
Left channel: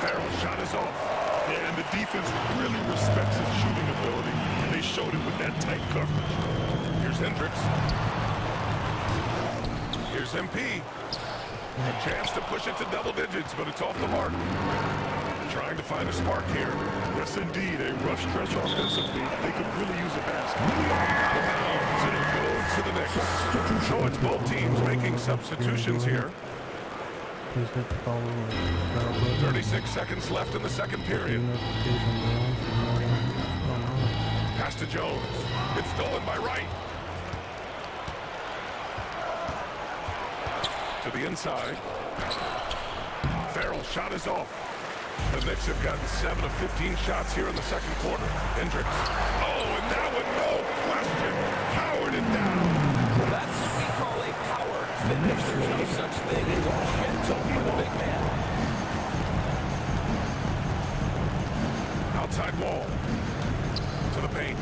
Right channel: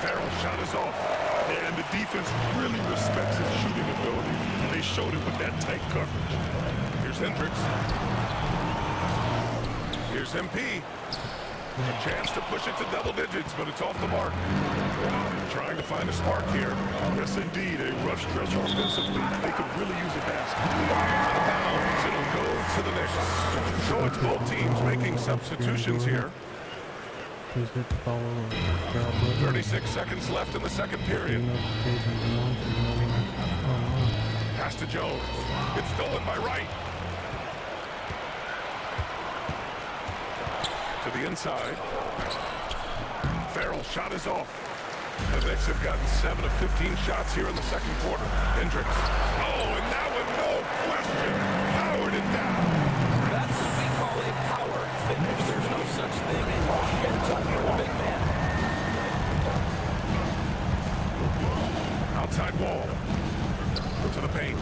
Farrell's shot is off. Yeah, and the defense really respects his shooting ability, and they showed it with that tight coverage. Here's Hendricks. Here's MP. A chance to push it to double digits, but it's off the mark. Trying to find a spark here. Yes, indeed. A rough stretch offensively. They could really use a basket. Out of bounds. It'll go to the Knicks. So it's both teams making substitutions here. Please hit the follow and subscribe button. 36 seconds left in the second period. Pass to Jones. It's stolen by Wright. To the inside. Farrell's shot is off. The Knicks have gotten 7 of 15 shots here in the second quarter. Hendricks. Oh, and that one, no question. Powered it down. That's what we call a power finish. There's no such thing as gentle for the big man. Outside wall. To the paint.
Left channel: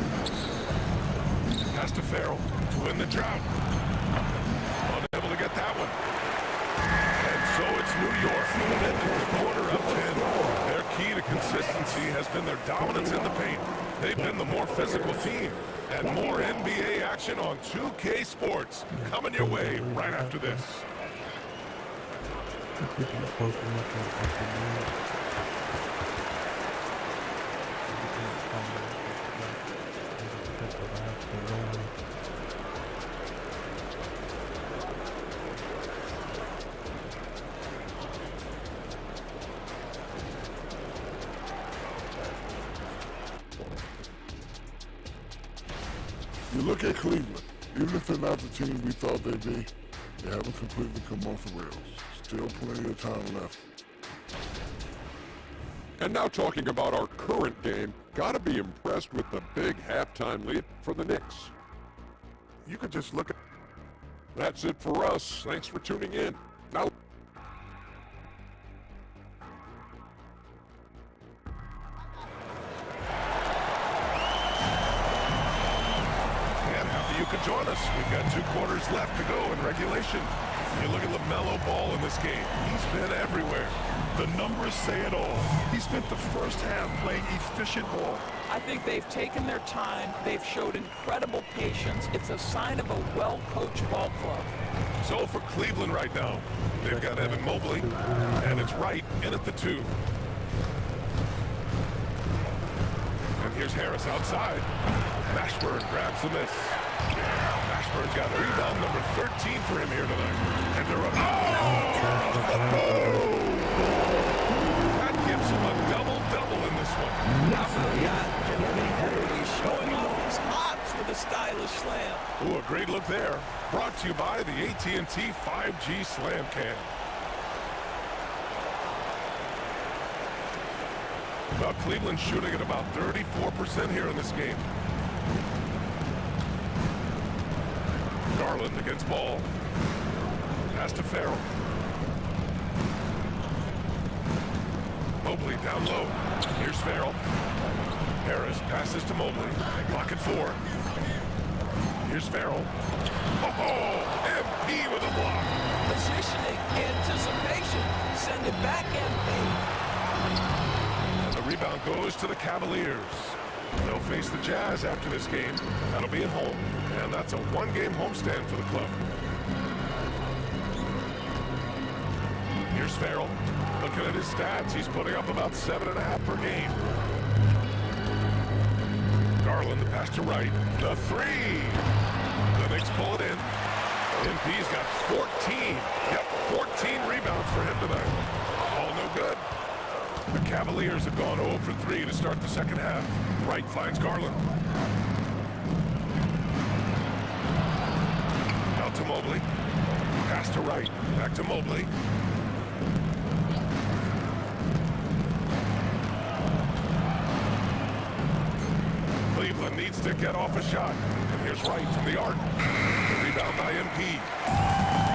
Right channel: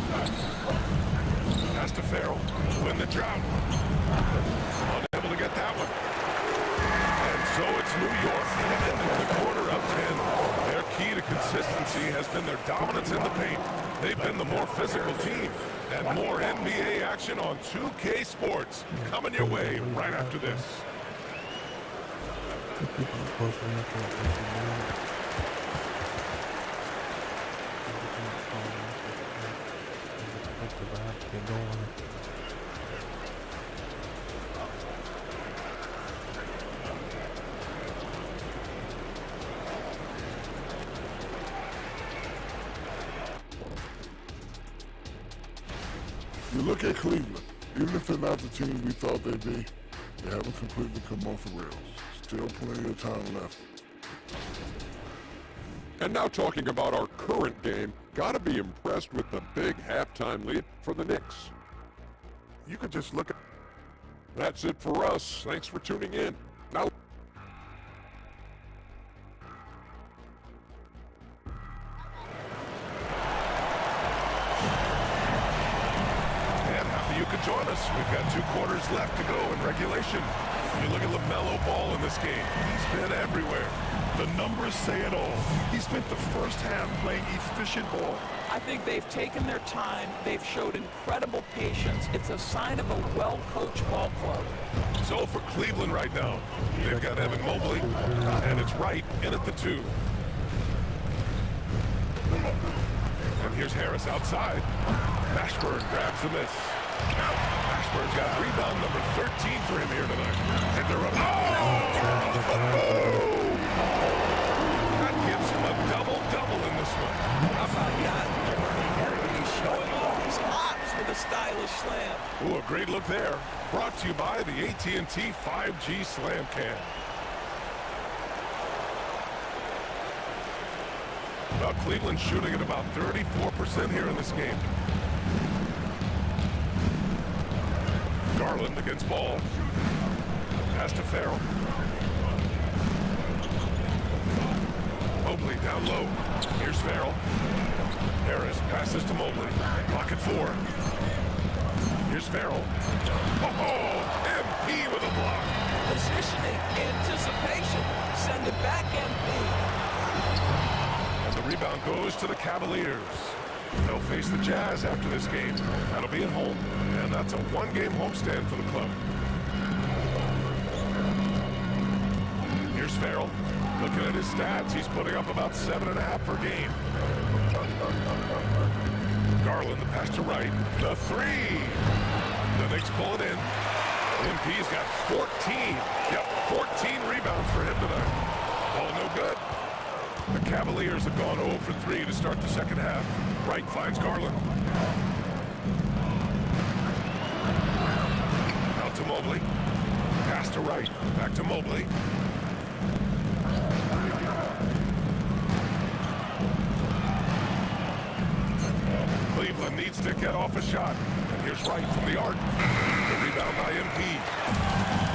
Pass to Farrell to win the drought. Unable to get that one. And so it's New York ending the quarter up 10. Their key to consistency has been their dominance in the paint. They've been the more physical team. And more NBA action on 2K Sports coming your way right after this. You look at Cleveland. Even if they're not the team we thought they'd be, they haven't completely come off the rails. Still plenty of time left. And now talking about our current game, gotta be impressed with the big halftime lead for the Knicks. You could just look at... That's it for us. Thanks for tuning in. Now... And happy you could join us. We've got 2 quarters left to go in regulation. You look at LaMelo Ball in this game. He's been everywhere. The numbers say it all. He spent the first half playing efficient ball. I think they've taken their time. They've showed incredible patience. It's a sign of a well-coached ball club. So for Cleveland right now, they've got Evan Mobley, and it's Wright in at the 2. And here's Harris outside. Mashburn grabs the miss. Mashburn's got rebound number 13 for him here tonight. And they're up. Oh! That gives him a double-double in this one. How about that, gentlemen? He's showing off his hops with a stylish slam. Ooh, a great look there. Brought to you by the AT&T 5G Slam Cam. Well, Cleveland shooting at about 34% here in this game. Garland against Ball. Pass to Farrell. Mobley down low. Here's Farrell. Harris passes to Mobley. Pocket 4. Here's Farrell. Oh, MP with a block. Positioning, anticipation. Send it back, MP. And the rebound goes to the Cavaliers. They'll face the Jazz after this game. That'll be at home. And that's a 1-game homestand for the club. Here's Farrell. Looking at his stats, he's putting up about 7.5 per game. Garland, the pass to Wright. The 3! The Knicks pull it in. MP's got 14. Yep, 14 rebounds for him tonight. All no good. The Cavaliers have gone 0 for 3 to start the second half. Wright finds Garland. Out to Mobley. Pass to Wright. Back to Mobley. Cleveland Garland needs to get off a shot. And here's Wright from the arc. The rebound by MP.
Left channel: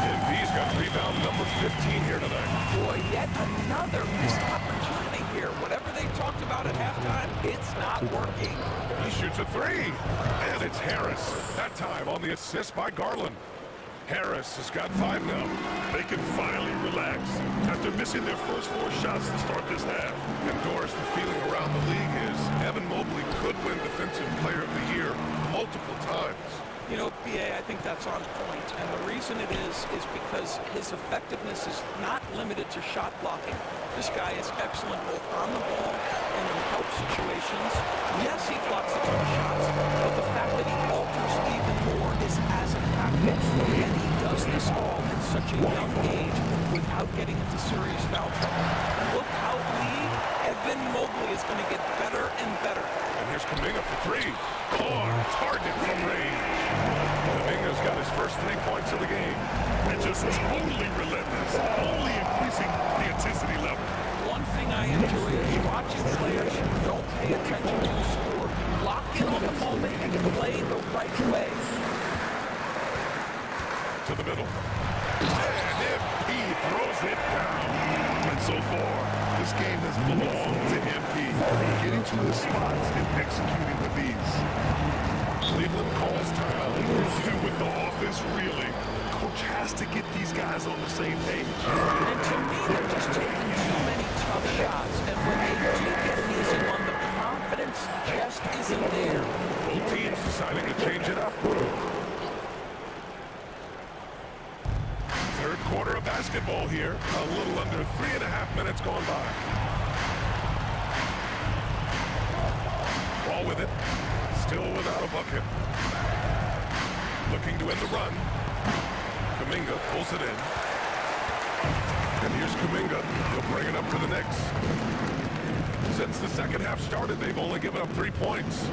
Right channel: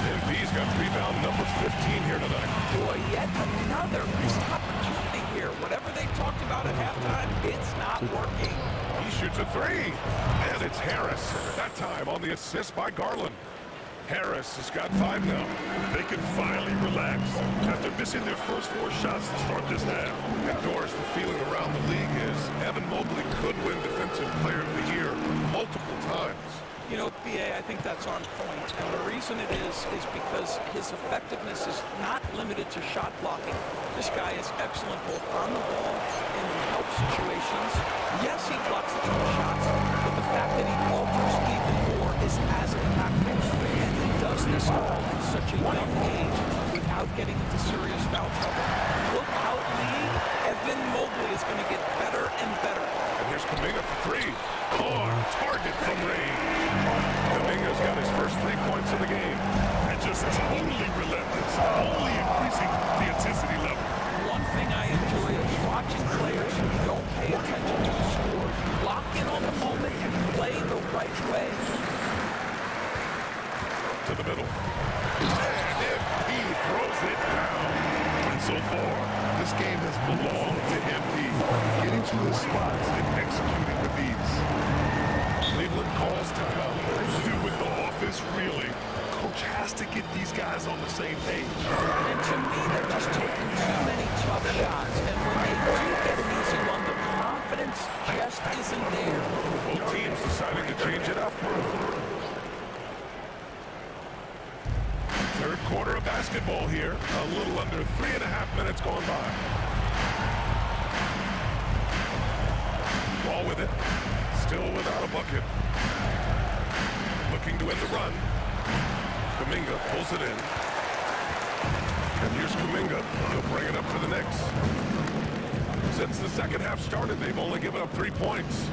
MP's got rebound number 15 here tonight. Boy, yet another missed opportunity here. Whatever they talked about at halftime, it's not working. He shoots a three. And it's Harris. That time on the assist by Garland. Harris has got 5 now. They can finally relax after missing their first 4 shots to start this half. And Doris, the feeling around the league is Evan Mobley could win Defensive Player of the Year multiple times. You know, BA, I think that's on point. And the reason it is because his effectiveness is not limited to shot blocking. This guy is excellent both on the ball and in help situations. Yes, he blocks a ton of shots, but the fact that he alters even more is as impactful. And he does this all at such a young age without getting into serious foul trouble. Look how Evan Mobley is going to get better and better. And here's Kuminga for 3. On target from range. Kuminga's got his first 3 points of the game. And just totally relentless, only increasing the intensity level. One thing I enjoy is watching players who don't pay attention to the score, lock in on the moment and play the right way. To the middle. And MP throws it down. And so far, this game has belonged to MP. Getting to his spots and executing with ease. Cleveland calls timeout. And with the offense reeling, coach has to get these guys on the same page. And to me, they're just taking too many tough shots. And when they do get an easy one, the confidence just isn't there. Both teams deciding to change it up. Third quarter of basketball here. A little under 3.5 minutes gone by. Ball with it. Still without a bucket. Looking to end the run. Kuminga pulls it in. And here's Kuminga. He'll bring it up for the Knicks. Since the second half started, they've only given up 3 points.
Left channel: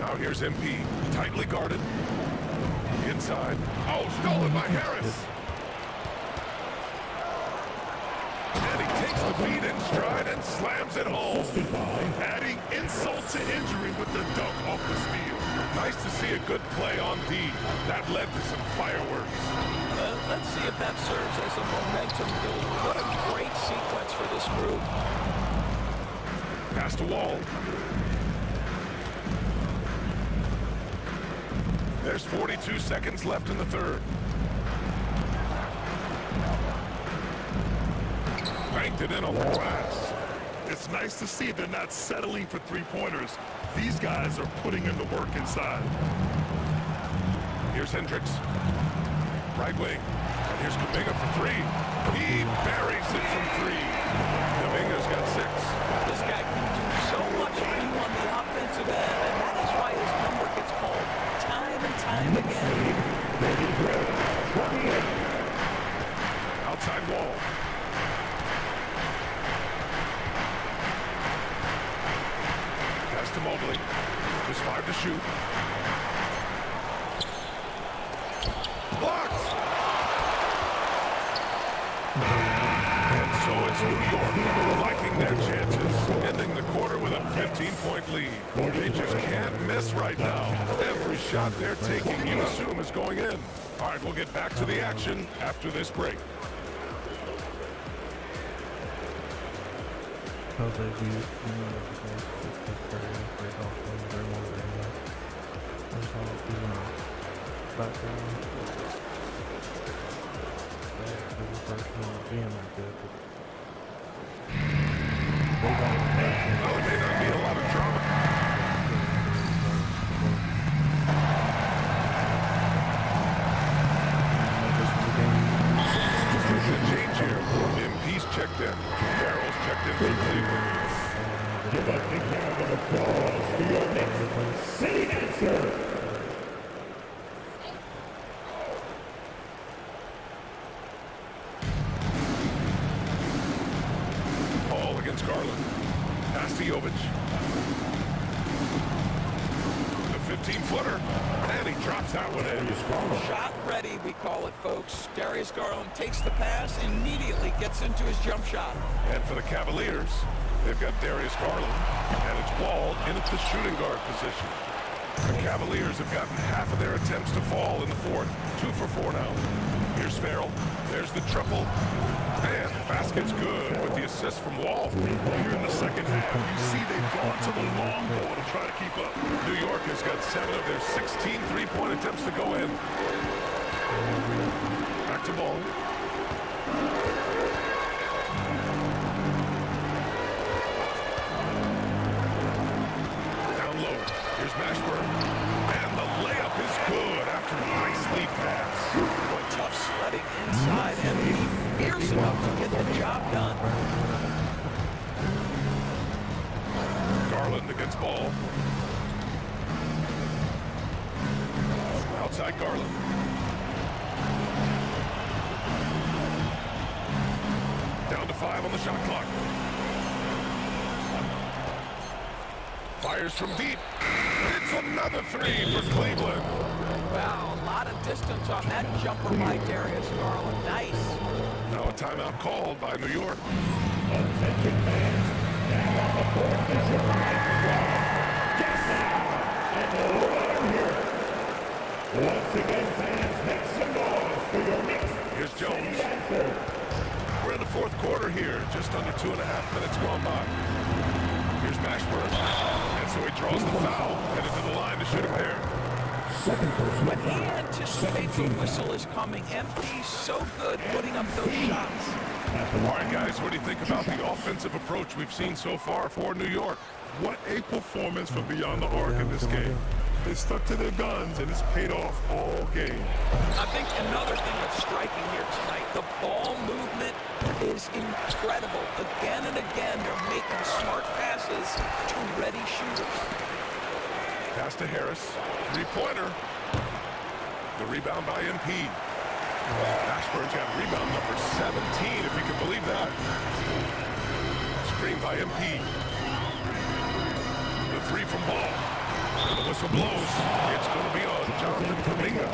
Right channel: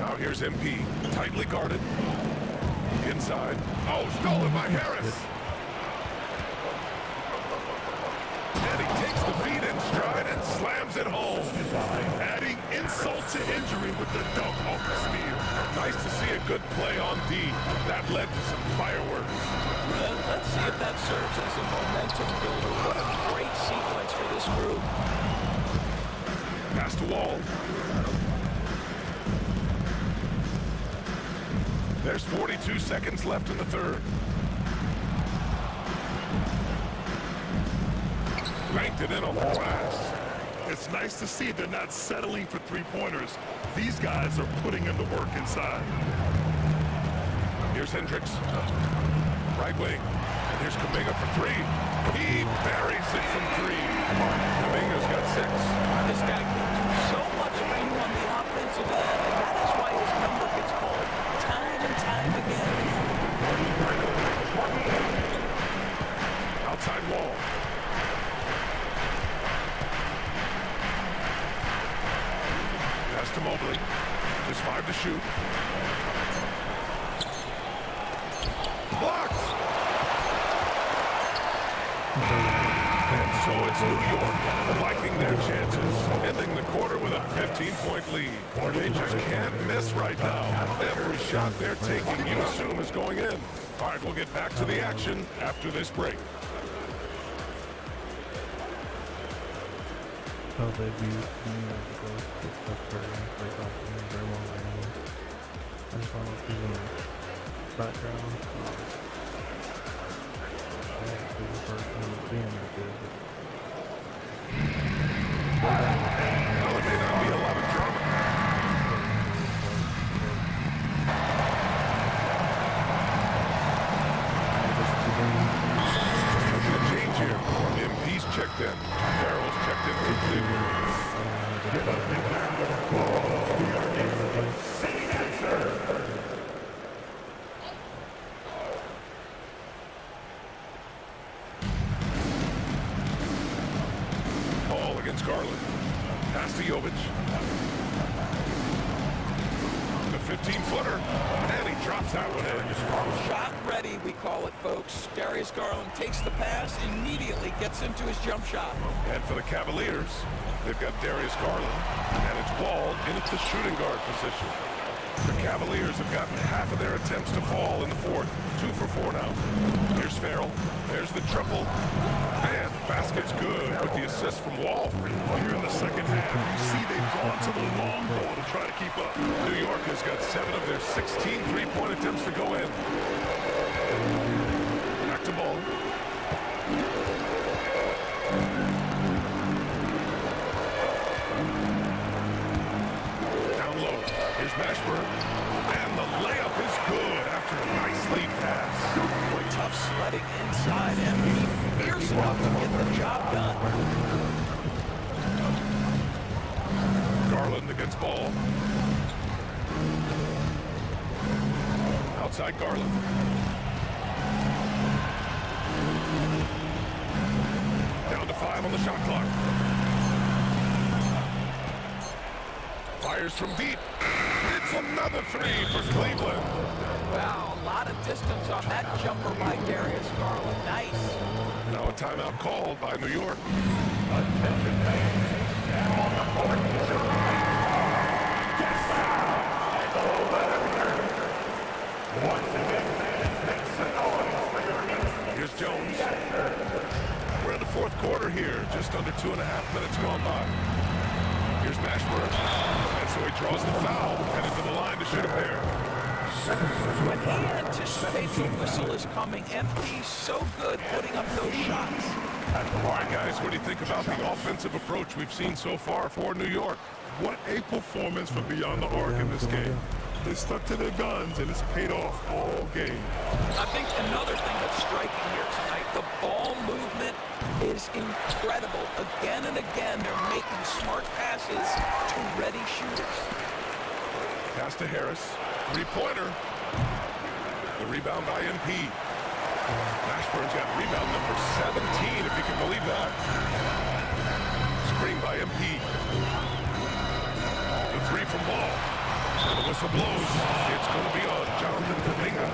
Now here's MP. Tightly guarded. Inside. Oh, stolen by Harris. And he takes the feed in stride and slams it home. Adding insult to injury with the dunk off the steal. Nice to see a good play on D. That led to some fireworks. Let's see if that serves as a momentum builder. What a great sequence for this group. Past the wall. There's 42 seconds left in the third. Banked it in off the glass. It's nice to see they're not settling for 3-pointers. These guys are putting in the work inside. Here's Hendricks. Right wing. And here's Kuminga for 3. He buries it from 3. Kuminga's got 6. This guy can do so much for you on the offensive end, and that is why his number gets called time and time again. Outside wall. Pass to Mobley. Just 5 to shoot. Blocked! And so it's New York liking their chances, ending the quarter with a 15-point lead. They just can't miss right now. Every shot they're taking, you assume, is going in. All right, we'll get back to the action after this break. How they view me because it's the break off swing, very long range. I just thought it was in the background. Yeah, the person being that good, but they don't. Well, there may not be a lot of drama. There's a change here. MP's checked in. Farrell's checked in for Cleveland. Ball against Garland. Pass to Jovic. The 15-footer. And he drops that one in. Shot ready, we call it, folks. Darius Garland takes the pass, immediately gets into his jump shot. And for the Cavaliers, They've got Darius Garland, and it's Wall in at the shooting guard position. The Cavaliers have gotten half of their attempts to fall in the fourth. 2 for 4 now. Here's Farrell. There's the triple. And the basket's good with the assist from Wall. Here in the second half, you see they've gone to the long ball to try to keep up. New York has got 7 of their 16 three-point attempts to go in. Back to Ball. Down low. Here's Mashburn. And the layup is good after a nice lead pass. Boy, tough sledding inside, and he fierce enough to get the job done. Garland against Ball. Outside Garland. Down to 5 on the shot clock. Fires from deep. It's another 3 for Cleveland. Wow, a lot of distance on that jumper by Darius Garland. Nice. Now a timeout called by New York. Attention fans, now on the court is your Yes, and let him hear it. Once again, fans, make some noise for your Knicks. Here's Jones. We're in the fourth quarter here, just under 2.5 minutes gone by. Here's Mashburn, and so he draws the foul, headed to the line to shoot a pair. When he anticipates a whistle is coming, MP's so good putting up those shots. All right, guys, what do you think about the offensive approach we've seen so far for New York? What a performance from beyond the arc in this game. They stuck to their guns, and it's paid off all game. I think another thing that's striking here tonight, the ball movement is incredible. Again and again, they're making smart passes to ready shooters. Pass to Harris. Three-pointer. The rebound by MP. Mashburn's got rebound number 17, if you can believe that. Screen by MP. The 3 from Ball. And the whistle blows. It's going to be on Jonathan Kuminga.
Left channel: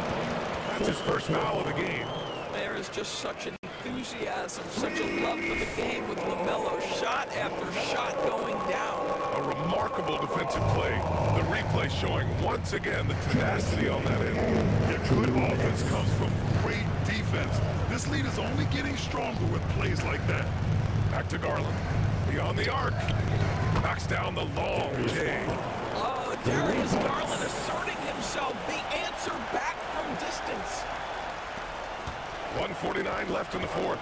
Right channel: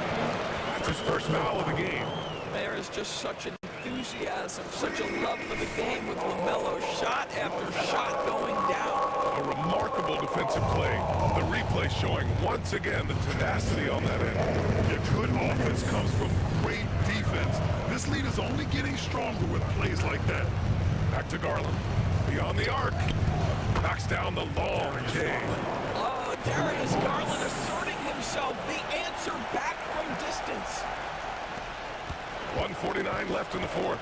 That's his first foul of the game. There is just such an enthusiasm, such a love for the game with LaMelo shot after shot going down. A remarkable defensive play. The replay showing once again the tenacity on that end. Yeah, good offense comes from great defense. This lead is only getting stronger with plays like that. Back to Garland. Beyond the arc. Knocks down the long J. Oh, Darius Garland asserting himself, the answer back from distance. 1:49 left in the fourth.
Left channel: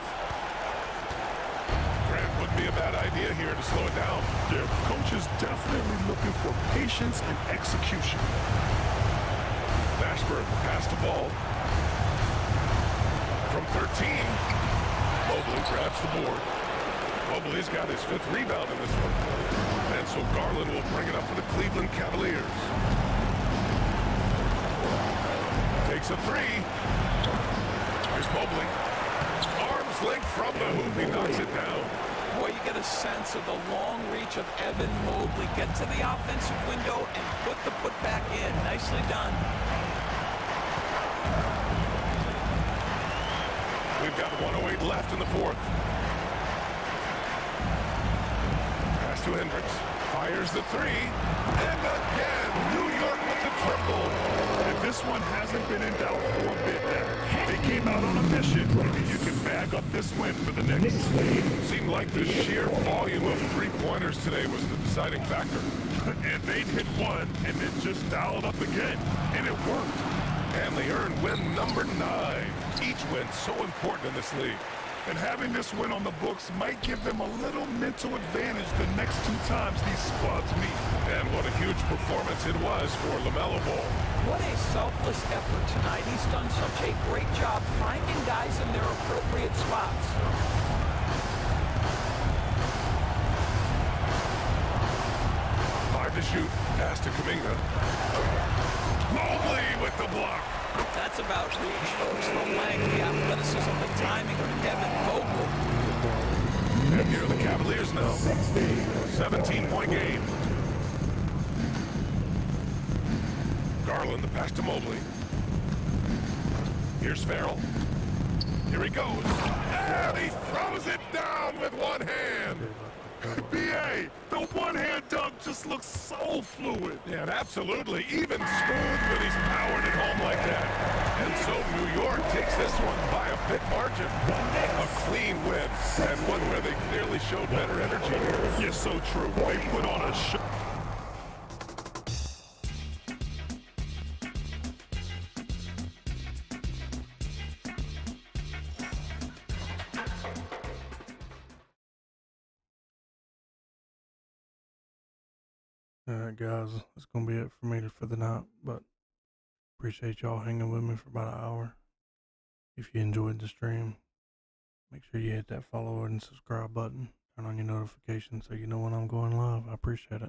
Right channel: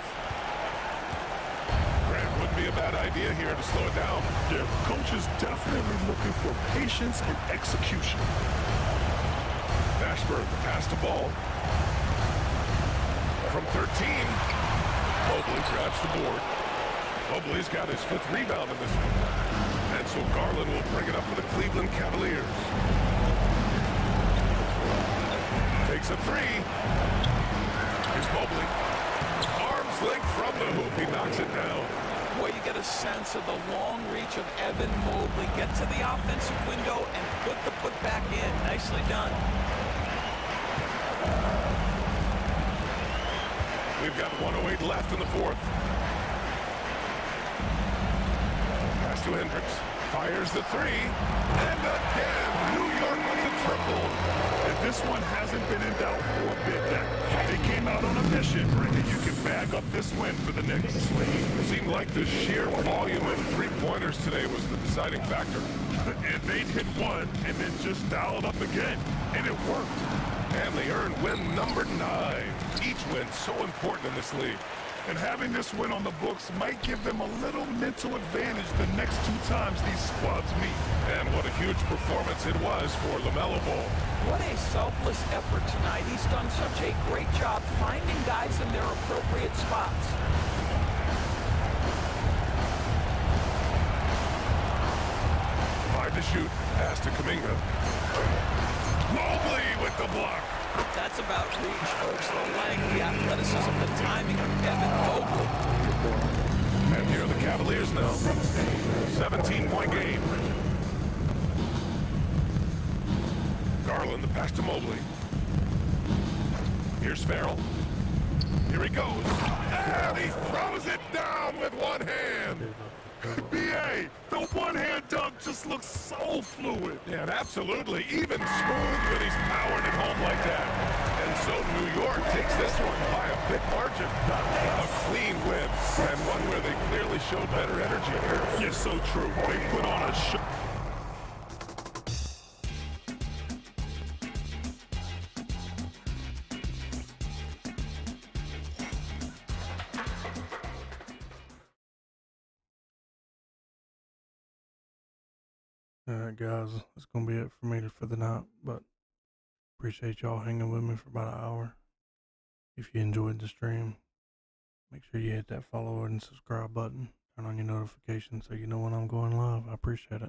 Grant wouldn't be a bad idea here to slow it down. Their coach is definitely looking for patience and execution. Mashburn, pass to Ball. From 13, Mobley grabs the board. Mobley's got his 5th rebound in this one. And so Garland will bring it up for the Cleveland Cavaliers. Takes a 3. Here's Mobley. Arms length from the hoop. He knocks it down. Boy, you get a sense of the long reach of Evan Mobley. Get to the offensive window and put the putback in. Nicely done. We've got 1:08 left in the fourth. Pass to Hendricks. Fires the 3. And again, New York with the triple. And this one hasn't been in doubt for a bit now. They came out on a mission, and you can bag up this win for the Knicks. Seemed like the sheer volume of three-pointers today was the deciding factor. And they'd hit one, and then just dialed up again, and it worked. And they earned win number 9. Each win so important in this league. And having this win on the books might give them a little mental advantage the next 2 times these squads meet. And what a huge performance it was for LaMelo Ball. What a selfless effort tonight. He's done such a great job finding guys in their appropriate spots. Five to shoot. Pass to Kuminga. Mobley with the block. That's about reach, folks. The length, the athleticism, the timing of Evan Mobley. And here are the Cavaliers now. 17-point game. Garland, the pass to Mobley. Here's Farrell. Here he goes. And he throws it down with one hand. BA, the one-hand dunk just looks so fluid. Yeah, absolutely. Even smooth when he's powering it home like that. And so New York takes this one by a big margin. A clean win, and one where they clearly showed better energy. Yes, so true. They put on a show. Alright, guys, that's gonna be it for me for the night, but appreciate y'all hanging with me for about an hour. If you enjoyed the stream, make sure you hit that follow and subscribe button, turn on your notifications so you know when I'm going live. I appreciate it.